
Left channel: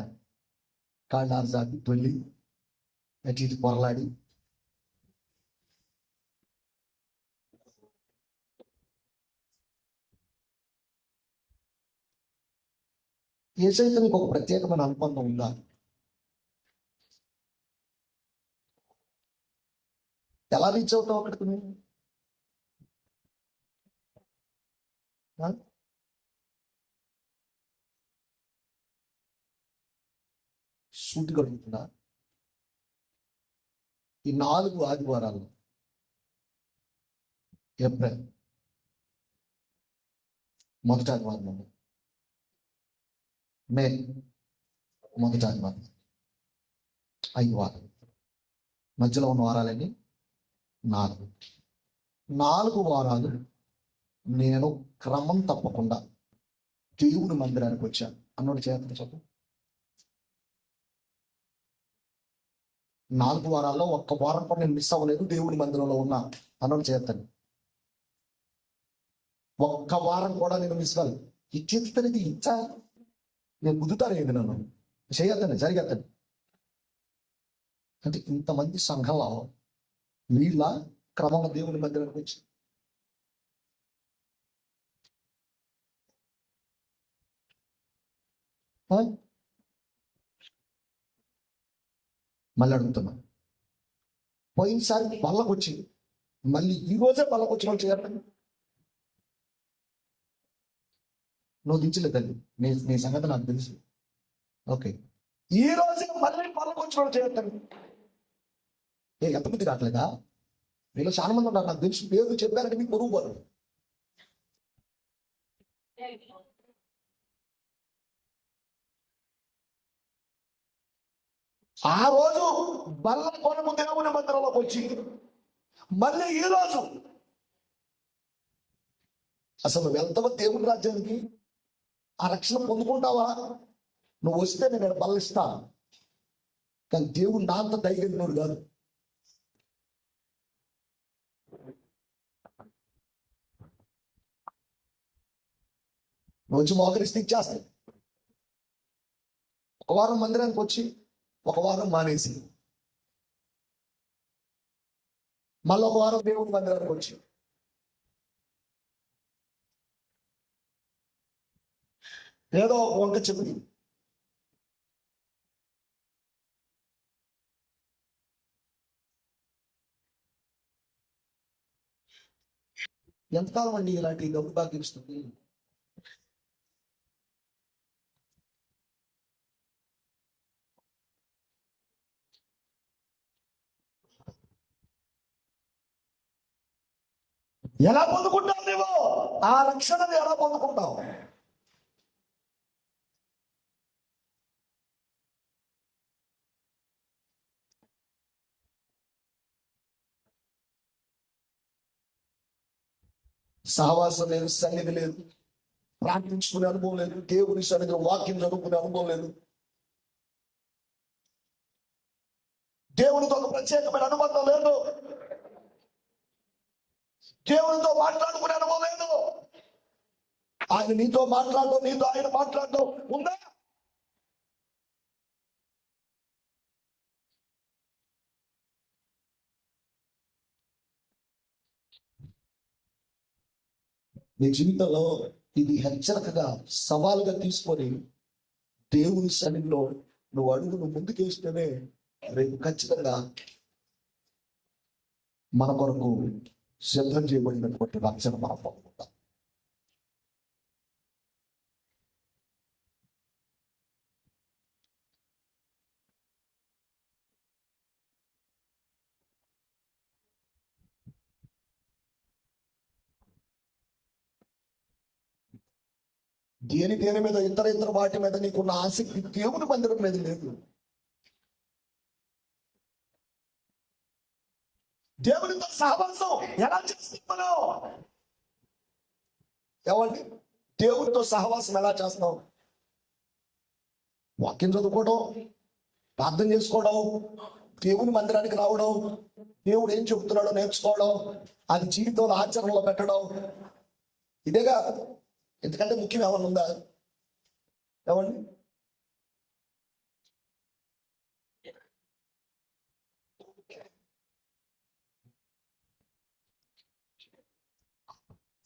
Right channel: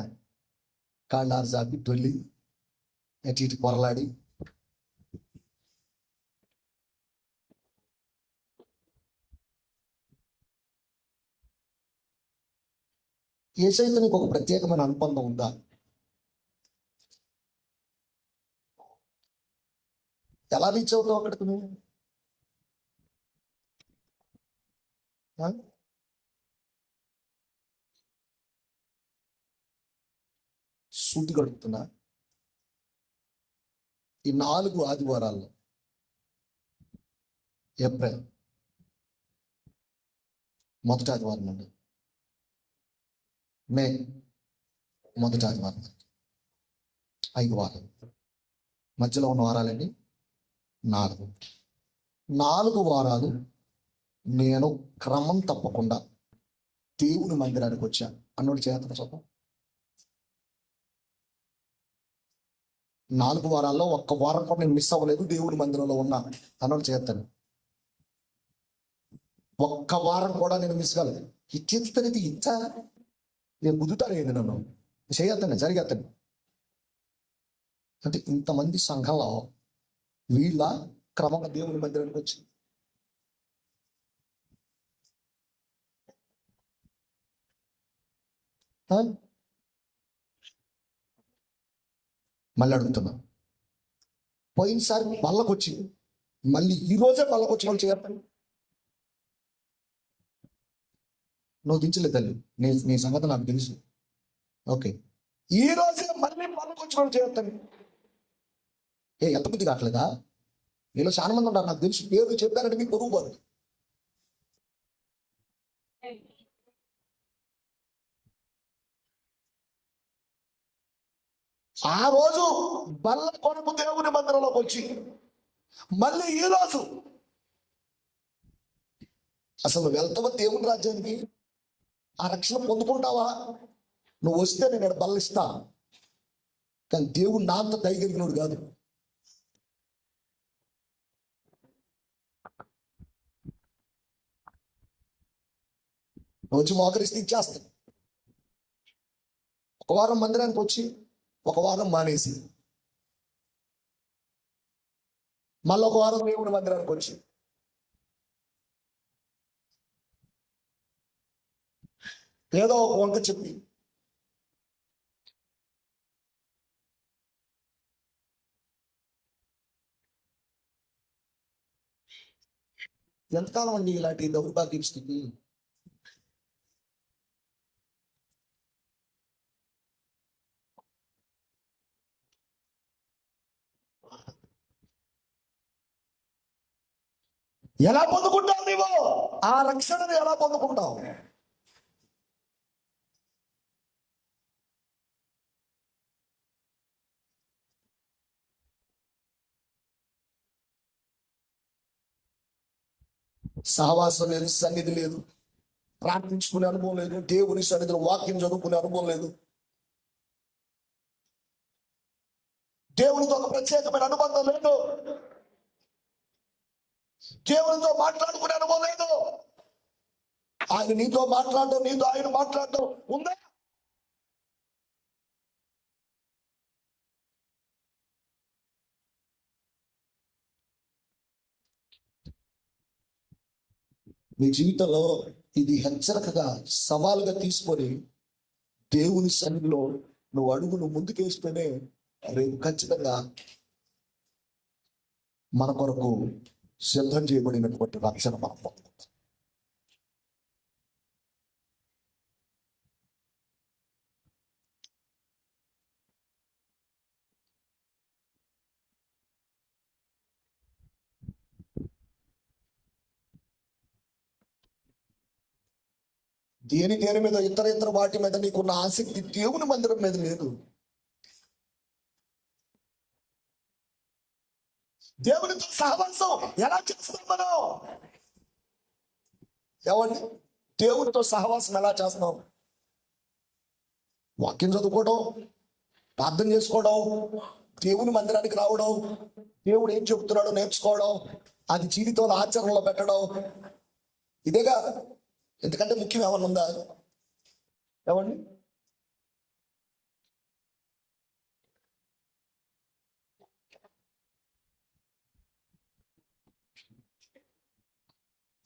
కాళ్ళారు జాపి తొల్లి అటు ఇటు పొరలాడి యేసయ్యతో నీకు ఒక ప్రత్యేకమైన అనుబంధం ఉందా? ఎలా రీచ్ అవుతావు అక్కడికి నువ్వు? సూటి గడుగుతున్నా, ఈ 4 ఆదివారాల్లో ఏప్రిల్ మొదటి ఆదివారం నుండి మే మొదటి ఆదివారం 5 వారాలు, మధ్యలో ఉన్న వారాలన్నీ 4 వారాలు నేను క్రమం తప్పకుండా దేవుని మందిరానికి వచ్చాను అన్నోటి చేతను చెప్పం. 4 వారాల్లో ఒక్క వారం కూడా నేను మిస్ అవ్వలేదు, దేవుని మందిరంలో ఉన్నా అన్నోటి చేస్తాను. ఒక్క వారం కూడా నేను మిస్ కాలేదు. ఇచ్చేది ఇచ్చా నేను కుదుతారేంది, నన్ను చేయొద్దని జరిగేస్తాను అంటే ఇంతమంది సంఘంలో వీళ్ళ క్రమంగా దేవుని మందిరానికి వచ్చి మళ్ళీ అడుగుతున్నా. పోయినసారి మళ్ళకొచ్చి మళ్ళీ ఈరోజే మళ్ళకొచ్చి వాళ్ళు చేస్తాను. నువ్వు దించలేదు తల్లి, నీ సంగతి నాకు తెలుసు. ఓకే, ఈ రోజే మళ్ళీ మళ్ళకొచ్చి వాళ్ళు చేస్తాను. ఎంతమంది కావట్లేదా? మీలో చాలా మంది ఉన్నారు, నాకు తెలుసు. పేరు చెప్పారంటే మీకు పొరుగు పోదు. ఆ రోజు బల్ల కొరకు దేవుని మందిరంలోకి వచ్చి మళ్ళీ ఈ రోజు అసలు వెళ్తావా దేవుని రాజ్యానికి? ఆ రక్షణ పొందుకుంటావా? నువ్వు వస్తే నేను బల్లిస్తా, కానీ దేవుడు నా అంత దయగలిగినోడు కాదు. నువ్వు వచ్చి మోకరిస్తే ఇచ్చేస్తాను. ఒక వారం మందిరానికి వచ్చి ఒక వారం మానేసి మళ్ళీ ఒక వారం దేవుని మందిరానికి వచ్చి ఏదో ఒక వంక చెప్పి ఎంతకాలం అండి ఇలాంటి దౌర్భాగ్యం స్థితి? ఎలా పొందుకుంటావు నువ్వు? ఆ రక్షణను ఎలా పొందుకుంటావు? సహవాసం లేదు, సన్నిధి లేదు, ప్రార్థించుకునే అనుభవం లేదు, దేవుని సన్నిధిలో వాక్యం చదువుకునే అనుభవం లేదు, దేవునితో ఒక ప్రత్యేకమైన అనుబంధం లేదు, దేవునితో మాట్లాడుకునే అనుభవం లేదు. ఆయన నీతో మాట్లాడడం, నీతో ఆయన మాట్లాడడం ఉందా? మీ జీవితంలో ఇది హెచ్చరికగా, సవాలుగా తీసుకొని దేవుని సన్నిధిలో నువ్వు అడుగును ముందుకేస్తేనే రేపు ఖచ్చితంగా మన కొరకు సిద్ధం చేయబడినటువంటి రక్షణ మనం పొందుకుంటాం. దేని మీద ఇతర వాటి మీద నీకున్న ఆసక్తి దేవుని మందిరం మీద లేదు. దేవునితో సహవాసం ఎలా చేస్తాం మనం? ఏమండి, దేవునితో సహవాసం ఎలా చేస్తున్నాం? వాక్యం చదువుకోవడం, ప్రార్థన చేసుకోవడం, దేవుని మందిరానికి రావడం, దేవుడు ఏం చెబుతున్నాడో నేర్చుకోవడం, అది జీవితంలో ఆచరణలో పెట్టడం, ఇదేగా. ఎందుకంటే ముఖ్యం ఏమన్నా ఉందా? ఏమండి,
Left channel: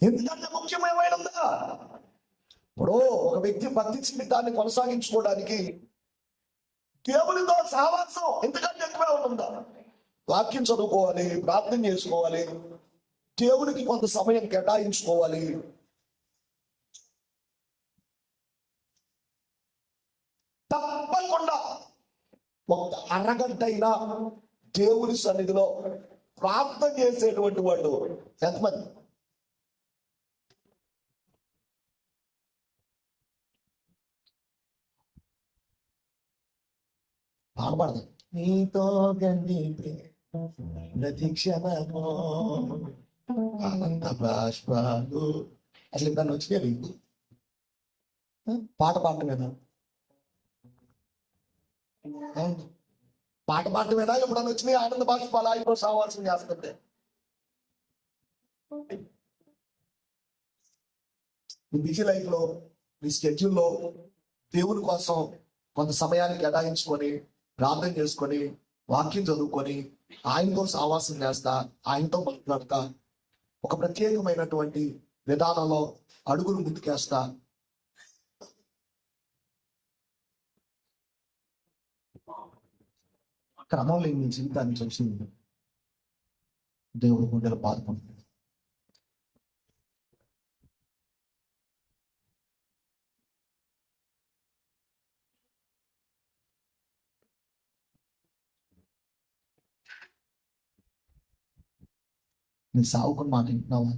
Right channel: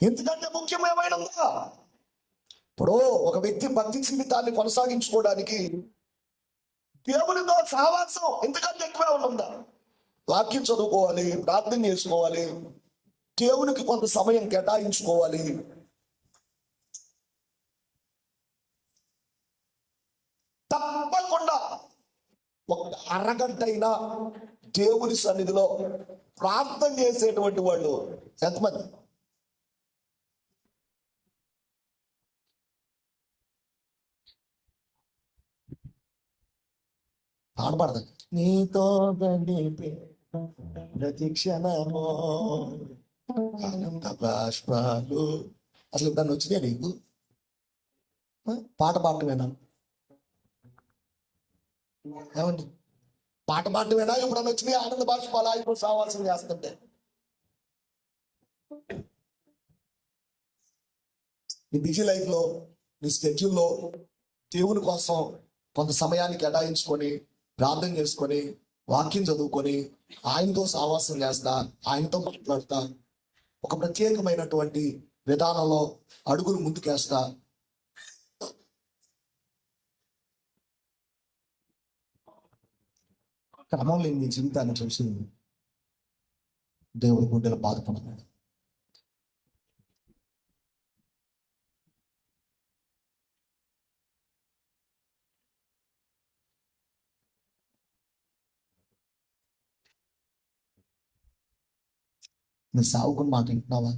ఎందుకంటే ముఖ్యం ఏమైనా ఉందా? ఇప్పుడు ఒక వ్యక్తి భక్తి జీవితాన్ని కొనసాగించుకోవడానికి దేవునితో సహవాసం ఎందుకంటే ఎక్కువ ఉందా? వాక్యం చదువుకోవాలి, ప్రార్థన చేసుకోవాలి, దేవునికి కొంత సమయం కేటాయించుకోవాలి. తప్పకుండా ఒక అరగంట అయినా దేవుని సన్నిధిలో ప్రార్థన చేసేటువంటి వాళ్ళు ఎంతమంది? పాడబడదు. నీతో గడిపే ప్రతి క్షణము ఆనంద బాష్పాలు. అసలు ఇప్పుడు వచ్చినాయి నీకు పాట పాడటమేనా? ఏమండి, పాట పాడటమేనా ఎప్పుడన్నా వచ్చినాయి ఆనంద బాష్పాలు? ఇప్పుడు సహవాసం చేస్తుంటే నీ బిజీ లైఫ్లో, నీ స్కెడ్యూల్లో దేవుని కోసం కొంత సమయాన్ని కేటాయించుకొని ప్రార్థన చేసుకొని వాక్యం చదువుకొని ఆయనతో సహవాసం చేస్తా, ఆయనతో మాట్లాడతా, ఒక ప్రత్యేకమైనటువంటి విధానంలో అడుగులు ముందుకేస్తా. క్రమం లేని నీ జీవితాన్ని చూసి దేవుడి గుండెలు బాధపడుతున్నాడు. నీ సావుకుని మాట వింటున్నావా?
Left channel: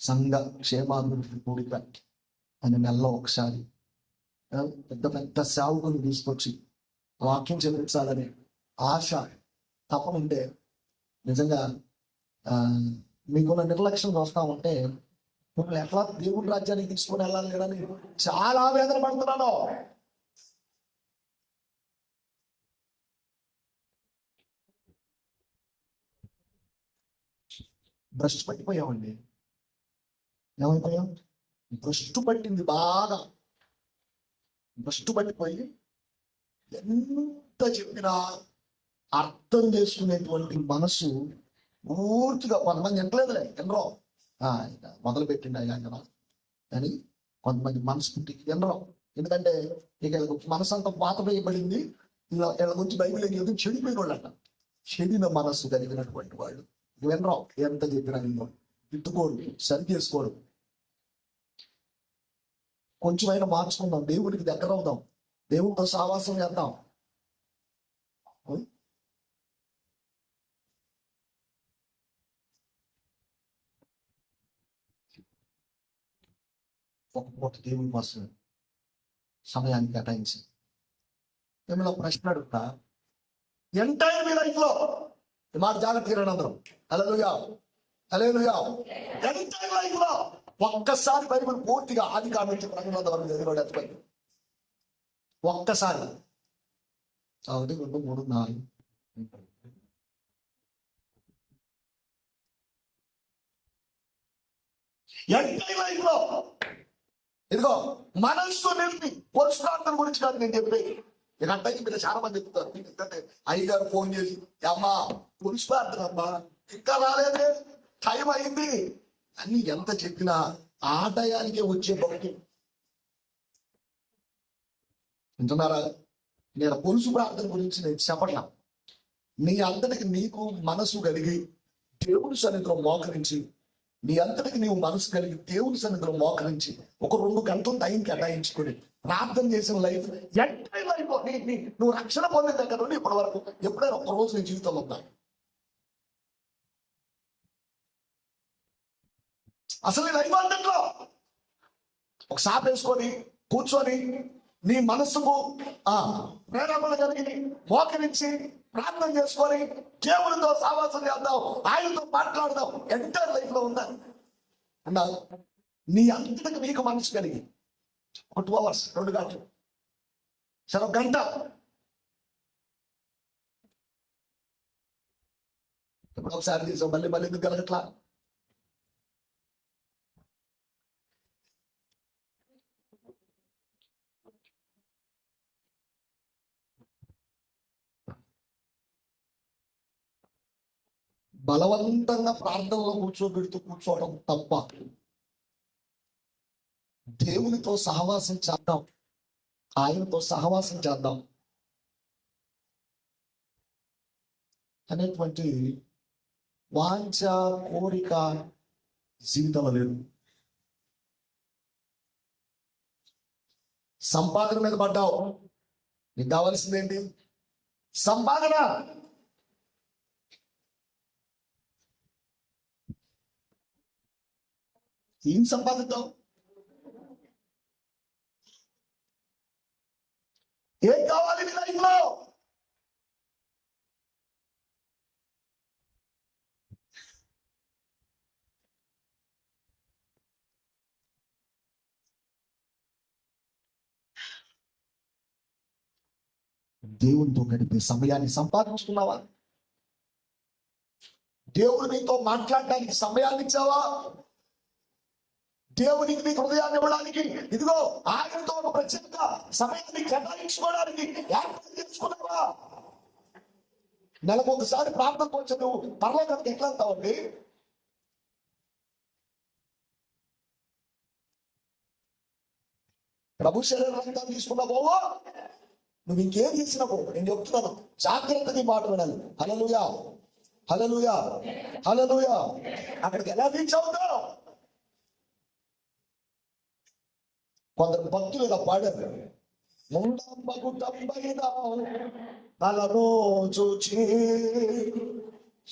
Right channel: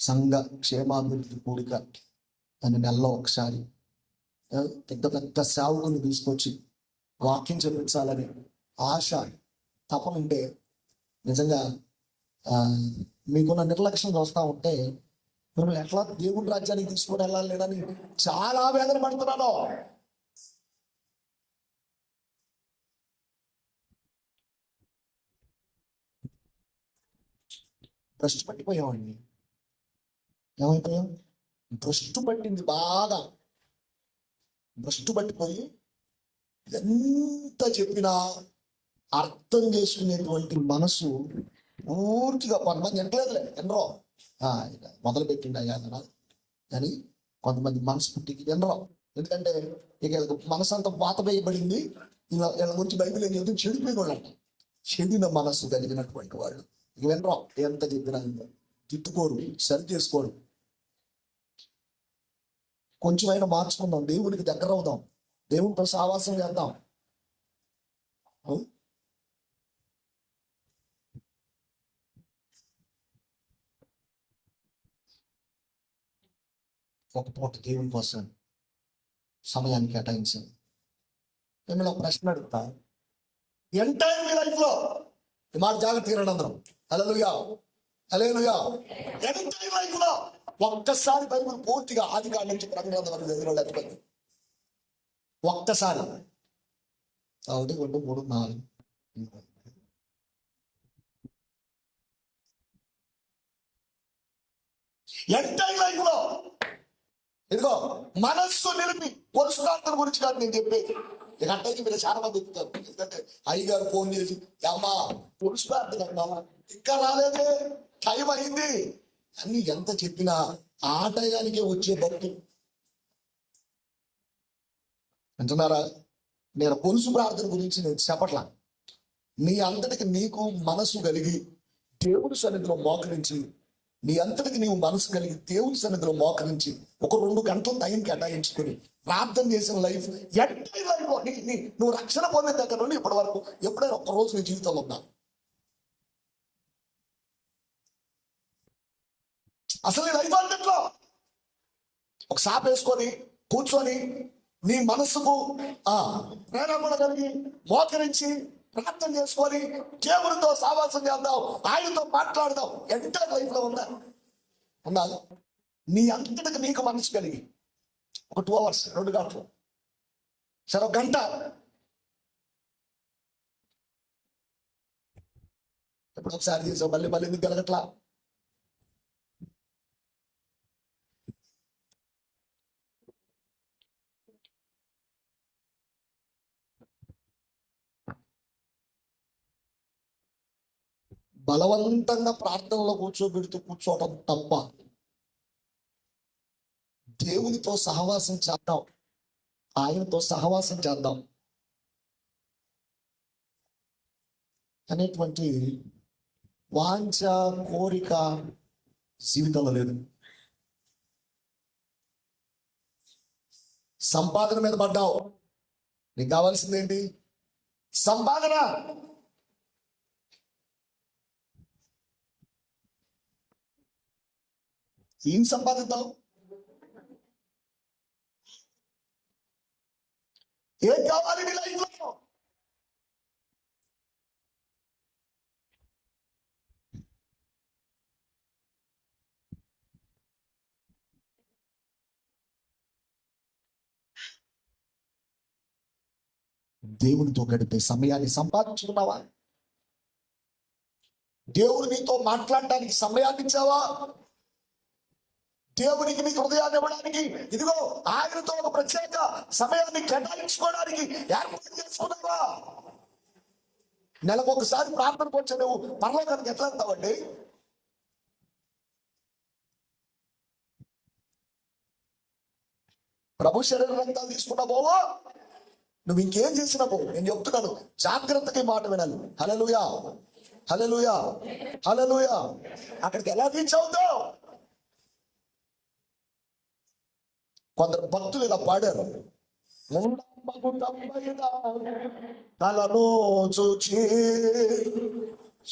సంఘ క్షేమాభివృద్ధి కూడిక అని నెలలో ఒకసారి పెద్ద పెద్ద సేవకుని తీసుకొచ్చి వాక్యం చెల్లించాలని ఆశ, తపన ఉంటే నిజంగా మీకున్న నిర్లక్ష్యం వస్తూ ఉంటే మిమ్మల్ని ఎట్లా దేవుని రాజ్యానికి తీసుకుని వెళ్ళాలి లేదని చాలా వేదన పడుతున్నాను. భ్రష్టు పట్టిపోయామండి. ఏమైపోయాం? భ్రష్టు పట్టింది, బాగా భ్రష్టు పట్టిపోయి ఎంత చెప్పినా అర్థం చేసుకునేటువంటి మనసు పూర్తిగా కొంతమంది ఎంటలేదులే, ఎనరో మొదలు పెట్టిండి అయ్యా కదా అని కొంతమంది మనసు పుట్టికి ఎనరో. ఎందుకంటే ఇక మనసు అంతా పాత వేయబడింది. ఇలా వీళ్ళ గురించి బైబిల్ ఏదో చెడిపోయిన వాళ్ళు అంట, చెడిన మనస్సు కలిగినటువంటి వాళ్ళు ఇక వినరో. ఎంత చెప్పినా వినరో, తిట్టుకోరు, సరి చేసుకోరు. కొంచెమైనా మార్చుకుందాం, దేవుడికి దగ్గర అవుదాం, దేవుడితో సావాసం చేద్దాం. ఒక పూట దేవుని కోసం సమయాన్ని కేటాయించాను. మిమ్మల్ని ఒక ప్రశ్న అడుగుతా, ఎంటైర్ మీ లైఫ్లో ఈ మాట జాగ్రత్తగా అందరం హల్లెలూయా, హల్లెలూయా. ఎంటైర్ లైఫ్ లో ఒక్కసారి బైబిల్ పూర్తిగా ఆది కాండం నుంచి ప్రకటన వరకు చదివినోడు ఎత్తుకుంది. ఒక్కసారి 1, 2, 3, 4 ఎంటైర్ లైఫ్ లో ఇదిగో మనస్సు నిలిపి పురుషార్థం గురించి కాదు నేను చెప్పేది. ఇక అంటే మీరు చాలా మంది చెప్తారు, ఎందుకంటే అయ్యగారు ఫోన్ చేసి అమ్మా పురుషార్థం అమ్మా ఇంకా రాలేదే, టైం అయింది అని ఎంత చెప్పినా ఆ టయానికే వచ్చే భక్తి అంటున్నారా. నేను పురుషు ప్రార్థన గురించి నేను చెప్పట్లా. నీ అంతటికి నీకు మనసు కలిగి దేవుడి సన్నిధిలో మోకరించి, నీ అంతటికి నీవు మనసు కలిగి దేవుడి సన్నిధిలో మోకరించి ఒక 2 గంటలు టైం కేటాయించుకుని ప్రార్థన చేసిన లైఫ్ ఎంటైర్ లైఫ్ నువ్వు రక్షణ పొందిన దగ్గర నుండి ఇప్పటి వరకు ఎప్పుడైనా ఒక్క రోజు నీ జీవితంలో ఉన్నా అసలు లైఫ్ అంతట్లో ఒక సాప్ వేసుకొని కూర్చొని నీ మనస్సుకు ప్రేరణ కలిగి మోకరించి ప్రార్థన చేసుకొని దేవుడితో సావాసం చేద్దాం, ఆయనతో మాట్లాడదాం ఎంటైర్ లైఫ్ లో ఉందా అన్నా. నీ అంతటికి నీకు మనసు కలిగి ఒక 2 hours 2 గంటలు సరే 1 గంట ఎప్పుడు ఒకసారి చేసావు, మళ్ళీ మళ్ళీ ఎందుకు కలగట్లా? బలవంతంగా ప్రార్థనలో కూర్చోవటం తప్ప. దేవునితో సహవాసం చేద్దాం, ఆయనతో సహవాసం చేద్దాం అనేటువంటి వాంఛ కోరిక జీవితంలో లేదు. సంపాదన మీద పడ్డావు, నీకు కావాల్సింది ఏంటి? సంపాదన. ఏం సంపాదిద్దాం? ఏం కావాలి నీ లైఫ్ లో? దేవునితో గడిపే సమయాన్ని సంపాదించుకున్నావా? దేవుడు నీతో మాట్లాడడానికి సమయాన్ని ఇచ్చావా? దేవునికి నీ హృదయాన్ని ఇవ్వడానికి ఇదిగో ఆయనతో ఒక ప్రత్యేక సమయాన్ని కేటాయించుకోవడానికి ఏర్పాటు చేసుకున్నావా? నెలకు ఒకసారి ప్రార్థన కొంచెం నువ్వు పరలోకానికి ఎట్లా వెళ్తావండి? ప్రభు శరీరం అంతా తీసుకున్నావో నువ్వు ఇంకేం చేసినావో నేను చెప్తున్నాను, జాగ్రత్తగా మాట వినాలి. హల్లెలూయా, హల్లెలూయా, హల్లెలూయా. అక్కడికి ఎలా రీచ్ అవుతావు? కొందరు భక్తులు ఇలా పాడారు, తలను చూచి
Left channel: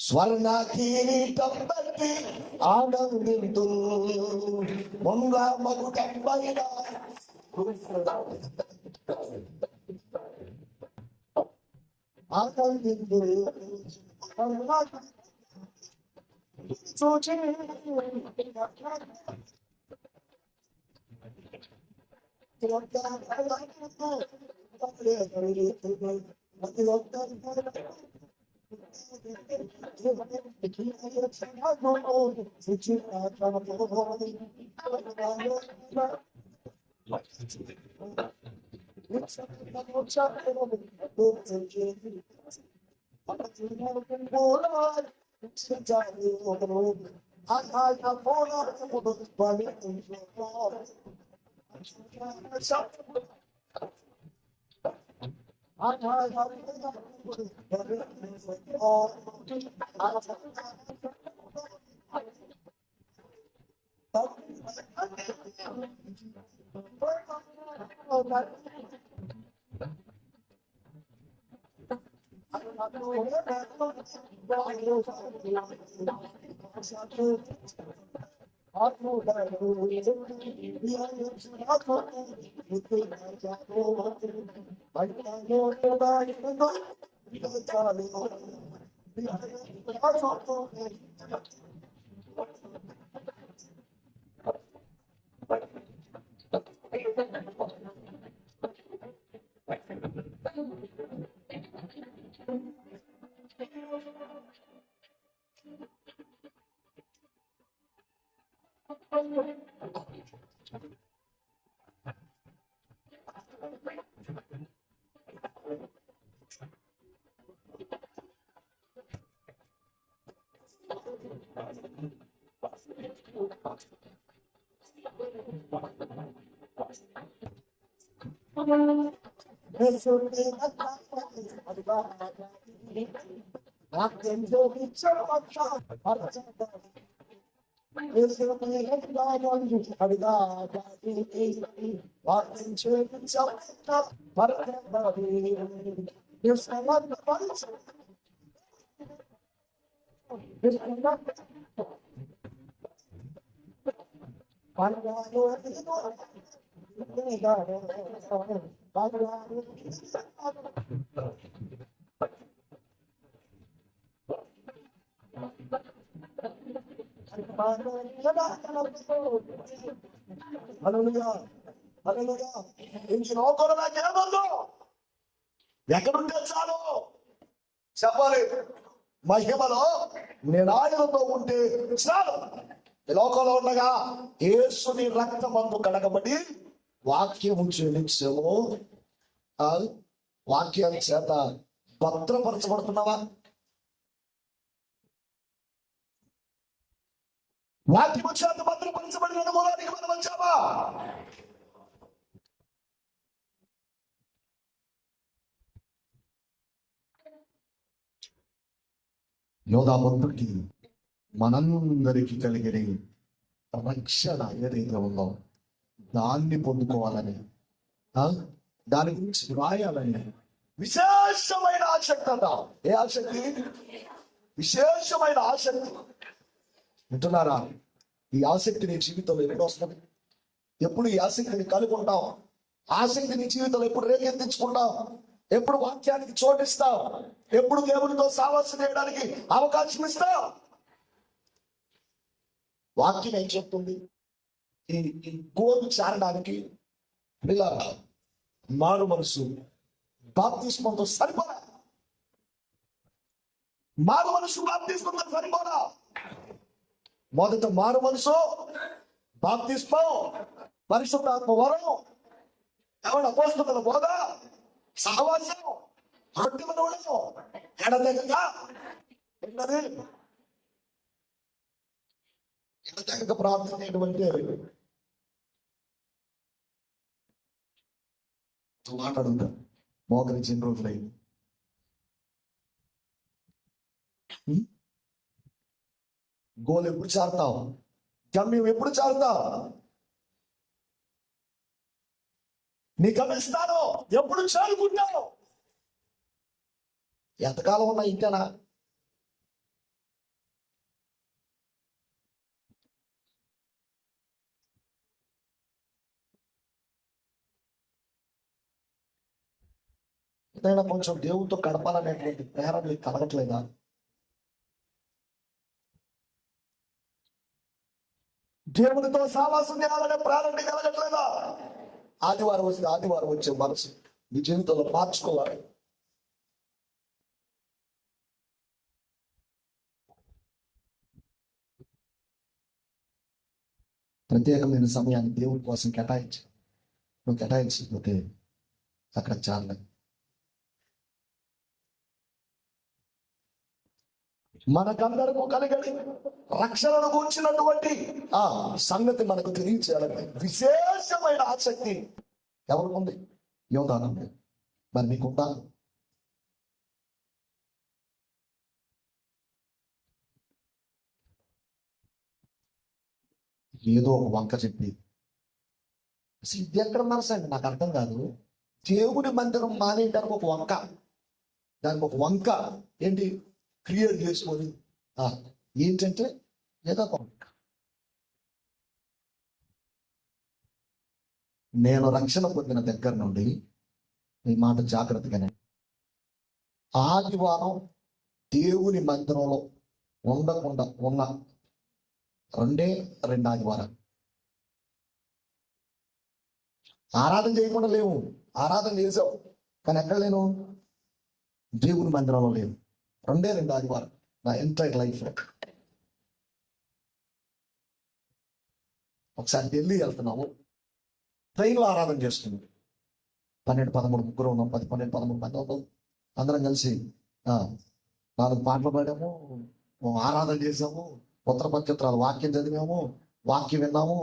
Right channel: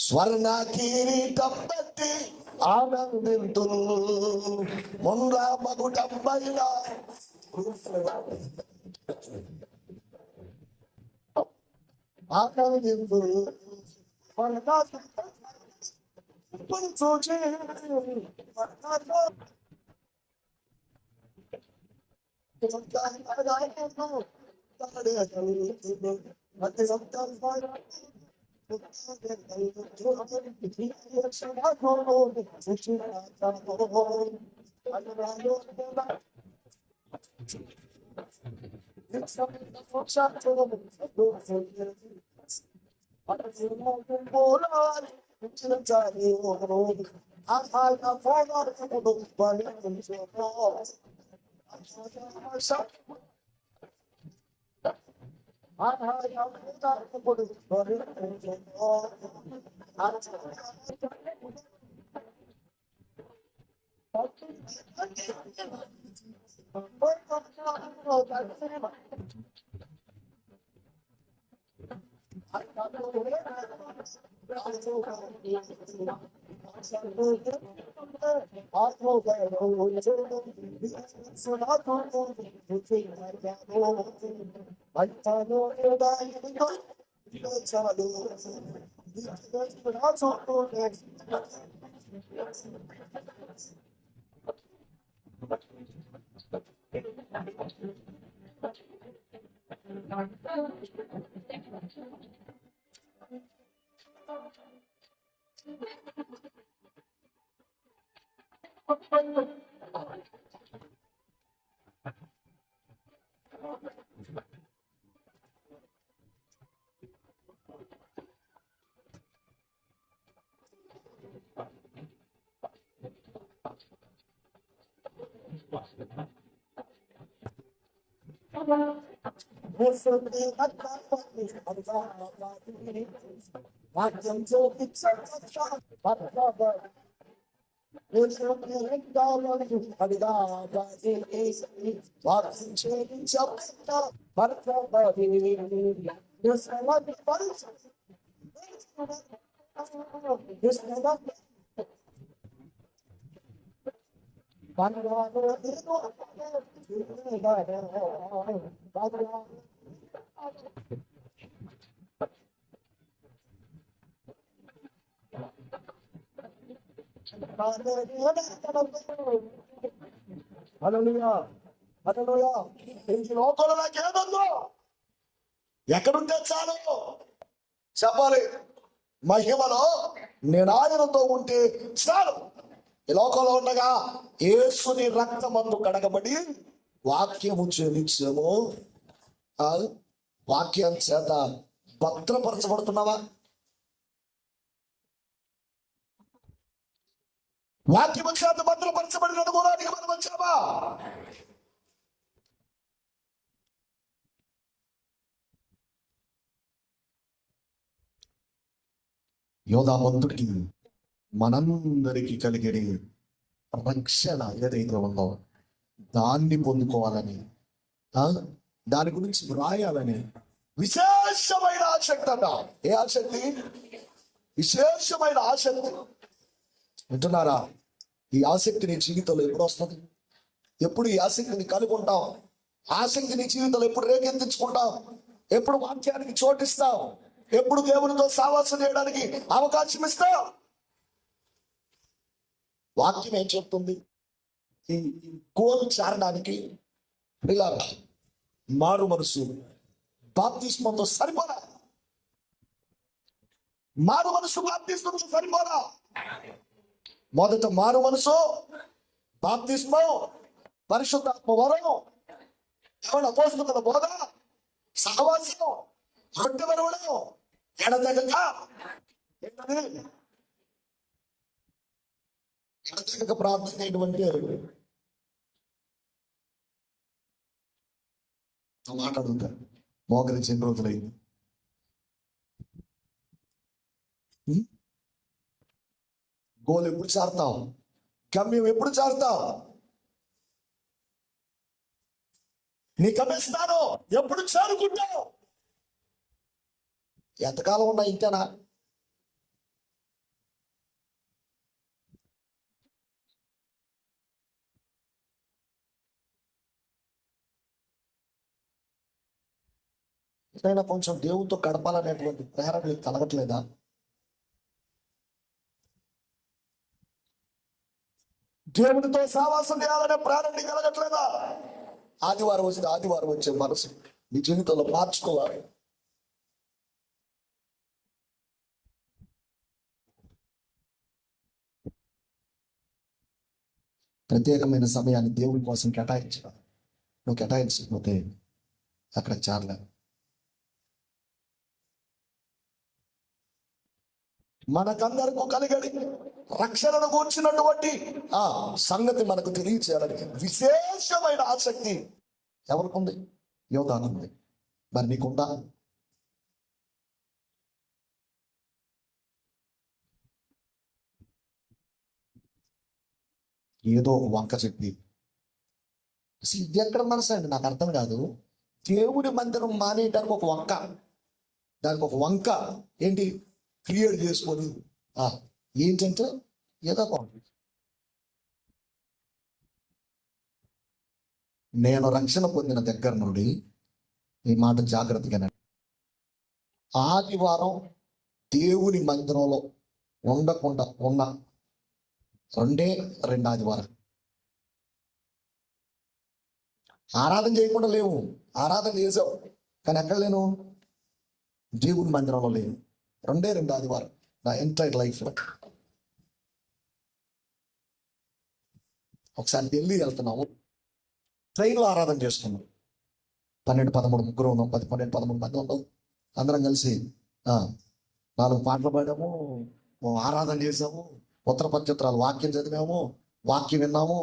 స్వర్ణ కిరీటం బట్టి ఆనందింతు, ముండ మగుటం పైన ఆనందింతు చూచి హల్లెలూయా, హల్లెలూయా. ఇంక లోకంలో నాకేమొద్దు, ఎక్కడుంటే చాలు చెప్పాలి. మహిమలో నేను ఆయనతో ఉంటే చాలు. ఈ లోకంలో ఉండగా యేసుని రక్తమందు కడగబడి వాక్యము చెల్లించాము. వాక్యం చేత భద్రపరచబడుతున్నావా? వాక్యము చేత భద్రపరచబడిన అనుభవానికి మనం వచ్చామా? యోధామంతుడికి మనందరికీ కలిగే రక్షణ ఏదైతే ఉందో దాన్ని పొందుకోవాలని, దాని గురించి వ్రాయాలని విశేషమైన ఆసక్తి అట. ఏ ఆసక్తి? విశేషమైన ఆసక్తి. వింటున్నారా? ఈ ఆసక్తి నీ జీవితంలో ఎప్పుడు వస్తుంది? ఎప్పుడు ఈ ఆసక్తిని కనుక్కుంటావు? ఆసక్తి నీ జీవితంలో ఎప్పుడు రేకెత్తించుకుంటావు? ఎప్పుడు వాక్యానికి చోటిస్తావు? ఎప్పుడు దేవునితో సావాసం చేయడానికి అవకాశం ఇస్తావు? వాక్యం ఏం చెప్తుంది? ఈ గోలు చేరడానికి ఇలా మారు మనసు బాప్తిస్మంతో సరిపోదా? మారు మనసు బాప్తిస్మంతో సరిపోదా? మొదట మారు మనసు, బాప్తిస్మం, పరిశుద్ధాత్మ వరం, ఎవరు అపోస్తలుల బోధ, సహవాసం, రొట్టె విరవడం, ఎడతెగక ఏంటది? ఎడతెగక ప్రార్థన ఏంటంటే మాట్లాడుతా మోకరించి ఎన్ని రోజులైంది. గోల్ ఎప్పుడు చారుతావు? గమ్యం ఎప్పుడు చారుతావు? నీ గమ్యస్థానం ఎప్పుడు చేరుకుంటావు? ఎంతకాలం ఉన్నా ఇంతేనా? ఏదైనా కొంచెం దేవునితో గడపాలనేటువంటి ప్రేరణ కలగట్లేదా? దేవునితో సావాసం చేయాలనే ప్రేరణ కలగట్లేదా? ఆదివారం వస్తే ఆదివారం వచ్చే మనసు నీ జీవితంలో మార్చుకోవాలి. ప్రత్యేకమైన సమయాన్ని దేవుని కోసం కేటాయించాలి. నువ్వు కేటాయించకపోతే అక్కడ చాలే. మనకందరకు కలిగడి రక్షణను కూర్చున్నటువంటి ఆ సంగతి మనకు తెలియచేయాలని విశేషమైన ఆసక్తి ఎవరికి ఉంది? యోధానుంది. మరి నీకుందా? ఏదో ఒక వంక చెప్పి అసలు ఇది ఎక్కడ మనసు అండి? నాకు అర్థం కాదు. దేవుడి మందిరం మానేయడానికి ఒక వంక, దానికి ఒక వంక ఏంటి క్రియేట్ చేసుకొని ఏంటంటే ఏదో ఒక వంక. నేను రక్షణ పొందిన దగ్గర నుండి ఈ మాట జాగ్రత్తగానే, ఆదివారం దేవుని మందిరంలో ఉండకుండా ఉన్న రెండే రెండు ఆదివారం. ఆరాధన చేయకుండా లేవు, ఆరాధన చేసావు కానీ ఎక్కడ లేను, దేవుని మందిరంలో లేవు. రెండే రెండు ఆదివారం నా ఎంటైర్ లైఫ్లో. ఒకసారి ఢిల్లీ వెళ్తున్నాము, ట్రైన్లో ఆరాధన చేస్తున్నాం. 12-13 ముగ్గురు ఉన్నాం, 12-13 మంది ఉన్నాం. అందరం కలిసి 4 పాటలు పాడాము, ఆరాధన చేసాము, ఉత్తర పత్రికలు వాక్యం చదివాము, వాక్యం విన్నాము,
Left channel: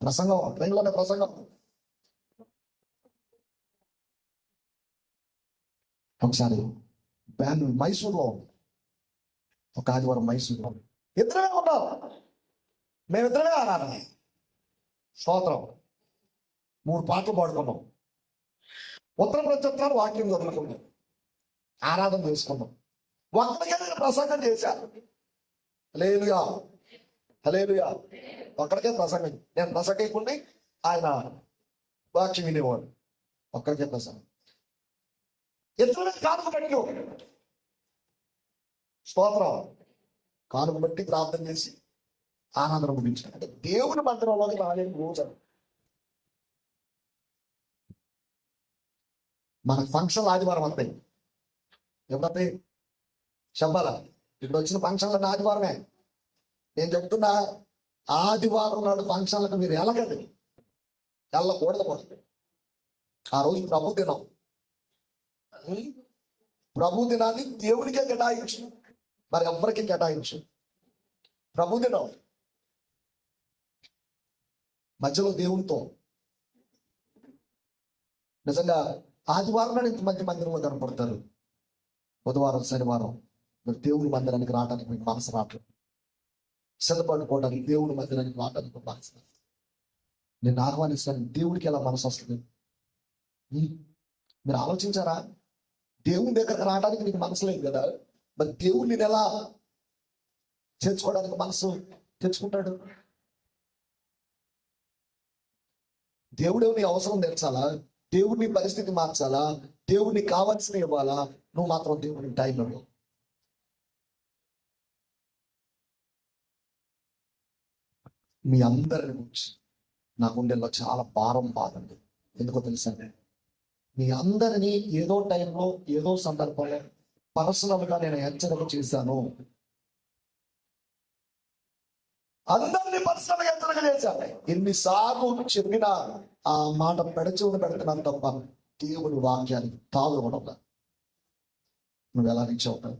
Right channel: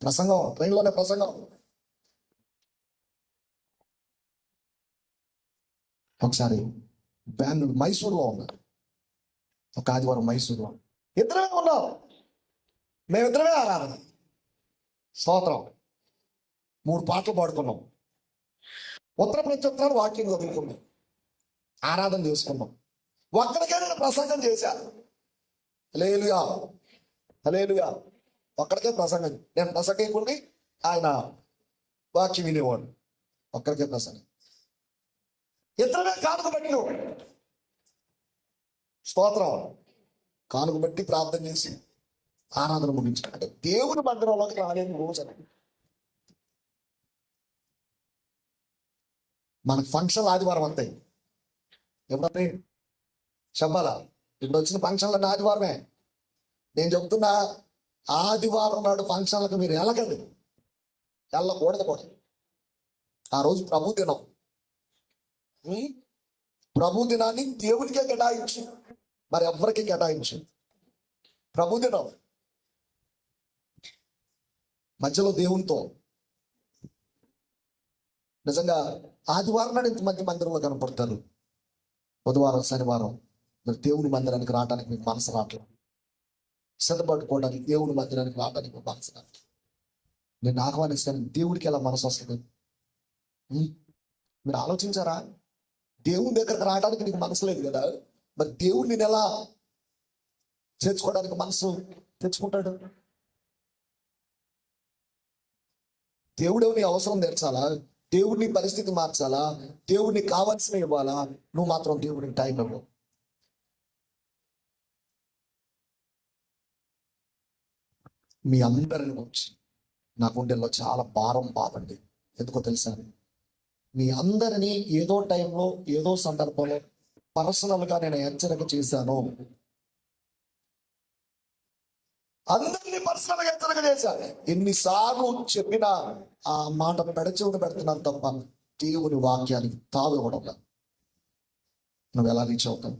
ప్రసంగం, ట్రైన్లోనే ప్రసంగం. ఒకసారి బెంగళూరు మైసూర్లో ఉన్నారు, ఒక ఆదివారం మైసూర్లో ఇద్దరమే ఉన్నాం, మేమిద్దరమే ఆరాధన, స్తోత్రం, 3 పాటలు పాడుకున్నాం, ఉత్తర ప్రత్యుత్తరాలు వాక్యం చదువుకున్నాం, ఆరాధన చేసుకున్నాం. ఒక్కడికే నేను ప్రసంగం చేశాను, హల్లెలూయా హల్లెలూయా. ఒక్కడికే ప్రసంగం, నేను ప్రసంగకుండి ఆయన వాక్యం వినేవాడు. ఒక్కడికే ప్రసంగం, ఇద్దరుగా కానుక పెట్టిను, స్తోత్రం, కానుక బట్టి ప్రార్థన చేసి ఆరాధన ముగించాడు. అంటే దేవుని మందిరంలోకి రాలేని రోజు అని. మనకు ఫంక్షన్లు ఆదివారం వస్తాయి, ఎప్పుడైతే చెప్పాలా, ఇప్పుడు వచ్చిన ఫంక్షన్లు ఆదివారమే. నేను చెప్తున్నా, ఆదివారం నాడు ఫంక్షన్లకు మీరు వెళ్ళకండి, వెళ్ళకూడదు కూడా. ఆ రోజు ప్రభు దినం, ప్రభు దినాన్ని దేవునికే కేటాయించు, మరి ఎవరికి కేటాయించు. ప్రభు దినం మధ్యలో దేవునితో. నిజంగా ఆదివారం నాడు ఇంతమంది మందిరంలో కనపడతారు, బుధవారం శనివారం మీరు దేవుని మందిరానికి రావడానికి మీకు మనసు రావట్లేదు, సిద్ధపడుకోవడానికి దేవుని మందిరానికి రావడానికి మీకు మనసు రావట్లేదు. నేను ఆహ్వానిస్తాను, దేవుడికి ఎలా మనసు వస్తుంది? మీరు ఆలోచించారా? దేవుని దగ్గరకు రావడానికి నీకు మనసు లేదు కదా, మరి దేవుడిని నేను ఎలా చేర్చుకోవడానికి మనసు తెచ్చుకుంటాడు? దేవుడు నీ అవసరం తెచ్చాలా, దేవుడిని పరిస్థితి మార్చాలా, దేవుడిని కావాల్సిన ఇవ్వాలా, నువ్వు మాత్రం దేవుడిని టైం ఇవ్వవు. మీ అందరిని గురించి నా గుండెల్లో చాలా భారం, బాధండి. ఎందుకో తెలుసా, మీ అందరినీ ఏదో టైంలో ఏదో సందర్భంలో పర్సనల్గా నేను హెచ్చరిక చేశాను. అందరినీ పర్సనల్గా హెచ్చరిక చేశాను. ఎన్నిసార్లు చెప్పినా ఆ మాట పెడచెవును పెడుతున్నాను తప్ప దేవుని వాక్యానికి తావు ఇవ్వడం. నువ్వు ఎలా రీచ్ అవుతావు?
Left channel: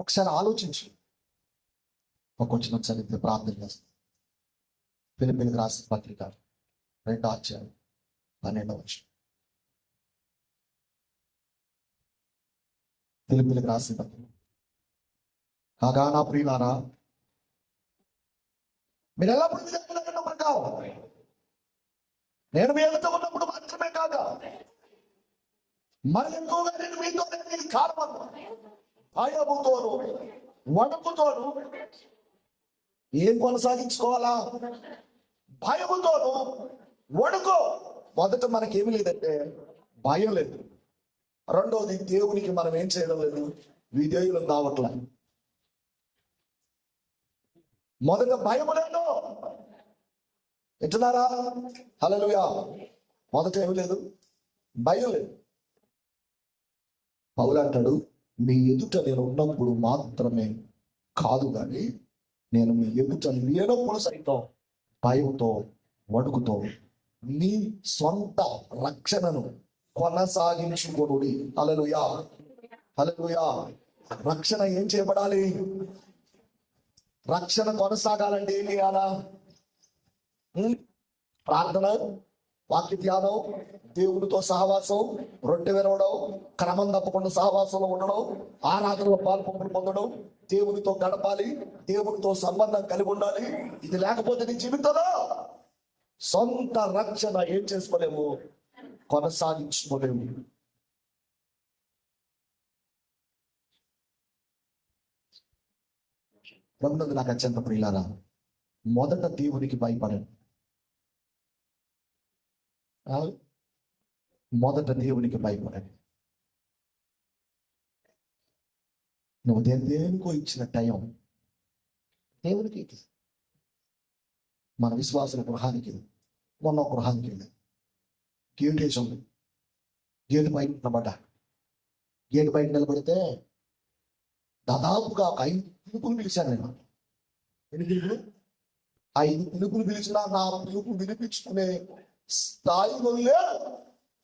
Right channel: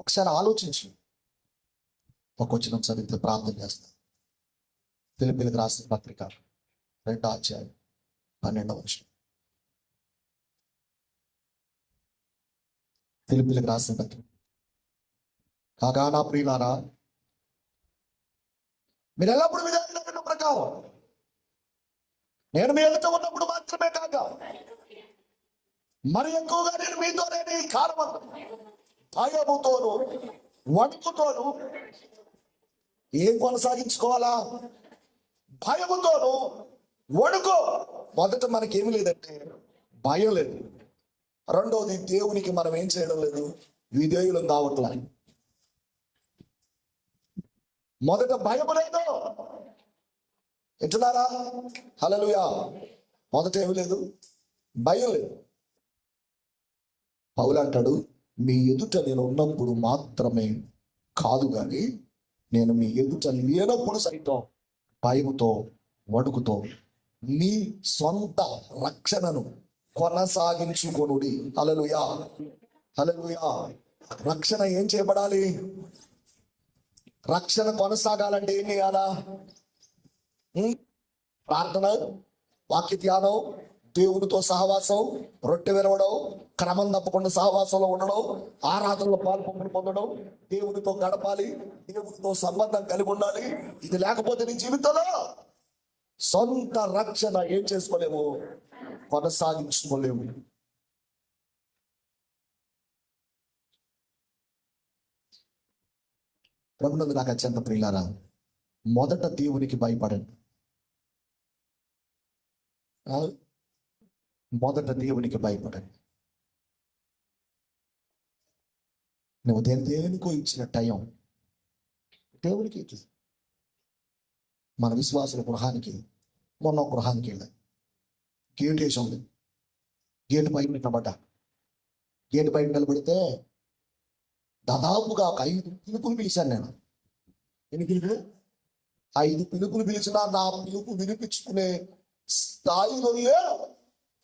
ఒకసారి ఆలోచించు. ఒక వచ్చిన చదివితే ప్రార్థన చేస్తా. ఫిలిప్పీలకు రాసిన పత్రిక 2వ అధ్యాయం 12వ వచనం. ఫిలిప్పీలకు రాసిన పత్రిక. కాగా నా ప్రియులారా, మీరు ఎల్లప్పుడు విధానం ప్రకారం నేను మీ ఎదుట ఉన్నప్పుడు మాత్రమే కాక మరి ఎక్కువగా నేను మీతోనే నీ కారణం భయముతోను వణుకుతోను ఏం కొనసాగించుకోవాలా? భయముతోను వణుకో. మొదట మనకేమి లేదంటే భయం లేదు. రెండోది, దేవునికి మనం ఏం చేయడం లేదు, విధేయులం కావట్లా. మొదట భయం లేదు, ఎట్లున్నారా? హల్లెలూయా. మొదట ఏమి లేదు, భయం లేదు. పౌలు అంటాడు, మీ ఎదుట నేను ఉన్నప్పుడు మాత్రమే కాదు కానీ నేను మీ ఎదుట లేనప్పుడు సైతం భయముతో వణుకుతో మీ సొంత రక్షణను కొనసాగించుకొనుడి. హల్లెలూయా హల్లెలూయా. రక్షణ ఏం చేయబడాలి? రక్షణ కొనసాగాలంటే ఏం చేయాలా? ప్రార్థన, వాక్య ధ్యానం, దేవునితో సహవాసం, రొట్టె విరవడం, క్రమం తప్పకుండా సహవాసంలో ఉండడం, ఆరాధనలో పాల్పొంపులు పొందడం, దేవునితో గడపాలి, దేవునితో సంబంధం కలిగి ఉండాలి. ఇది లేకపోతే నీ జీవితంలో సొంత రక్షణ ఏం చేసుకోలేము, కొనసాగించుకోలేము. ప్రభునందు నాకు అత్యంత ప్రియులారా, మొదట దేవునికి భయపడండి. ఆ? మొదట దేవునికి భయపడండి. నువ్వు దేనికో ఇచ్చిన టైం దేవునికి ఇచ్చి. మన విశ్వాసుల గృహానికి మొన్న ఒక గృహానికి వెళ్ళాం. గేట్ వేసి ఉంది. గేటు బయట నిలబడ్డా. గేటు బయట నిలబడితే దాదాపుగా ఒక 5 పిలుపులు పిలిచాను నేను. ఎన్ని పిలుపులు? 5 పిలుపులు పిలిచినా నా పిలుపు వినిపించుకునే స్థాయిలో లేరు.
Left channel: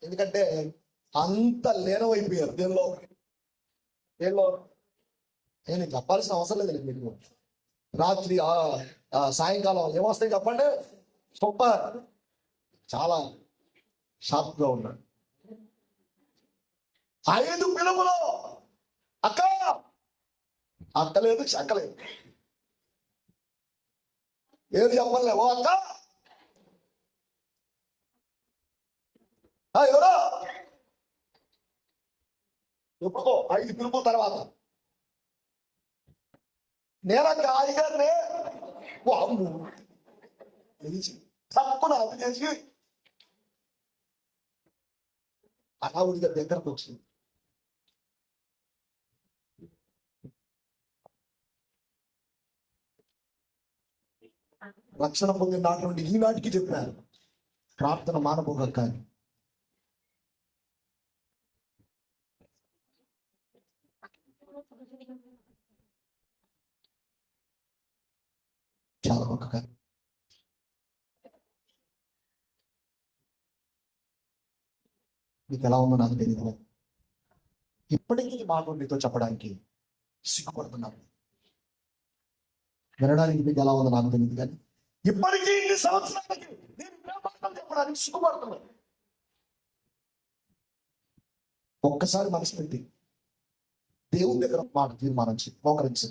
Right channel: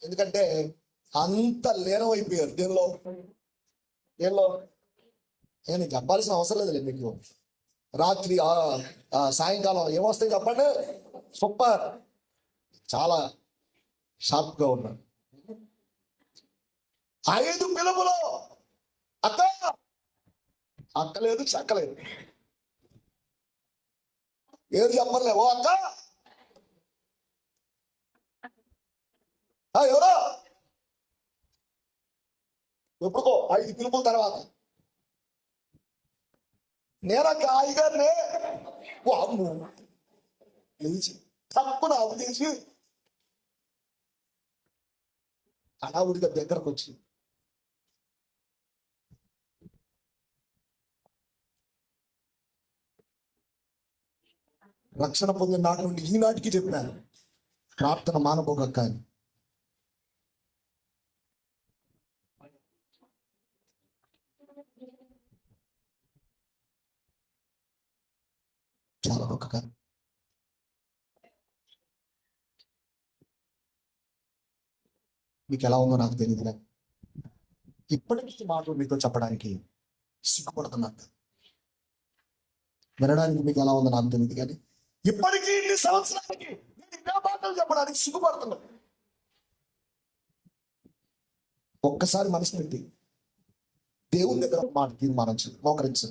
ఎందుకంటే అంత లీనమైపోయారు దేనిలో. నేను చెప్పాల్సిన అవసరం లేదు మీకు. రాత్రి సాయంకాలం ఏమొస్తాయి చెప్పండి? సూపర్, చాలా షార్ప్గా ఉన్నాడు. 5 పిలుపులు అక్కలేదు, చెక్కలేదు. ఏది చెప్పలే. ఓ అక్క, ఎవరో ఎప్పుడుకో 5 పిలుపుల తర్వాత నేనక్క హాయిగానే అమ్ము లేచి తక్కువ అప్పు చేసి అనావుడిగా దగ్గరకు వచ్చింది. రక్షణ పొందిన నాటి నుండి ఈనాటికి చెప్పాను, ప్రార్థన మానపోక. కానీ చాలా ఒక కానీ మీకు ఎలా ఉందో నాకు తెలియదు. ఇప్పటికీ ఈ మాట మీతో చెప్పడానికి సిగ్గుపడుతున్నాను. వినడానికి మీకు ఎలా ఉందో నాకు తెలియదు, కానీ ఇప్పటికీ ఇన్ని సంవత్సరాలకి నేను ఇంకా మాటలు చెప్పడానికి సిగ్గుపడుతున్నాను. ఒక్కసారి మనసు పెట్టి దేవుని దగ్గర మాట తీర్మానించు, మోకరించు.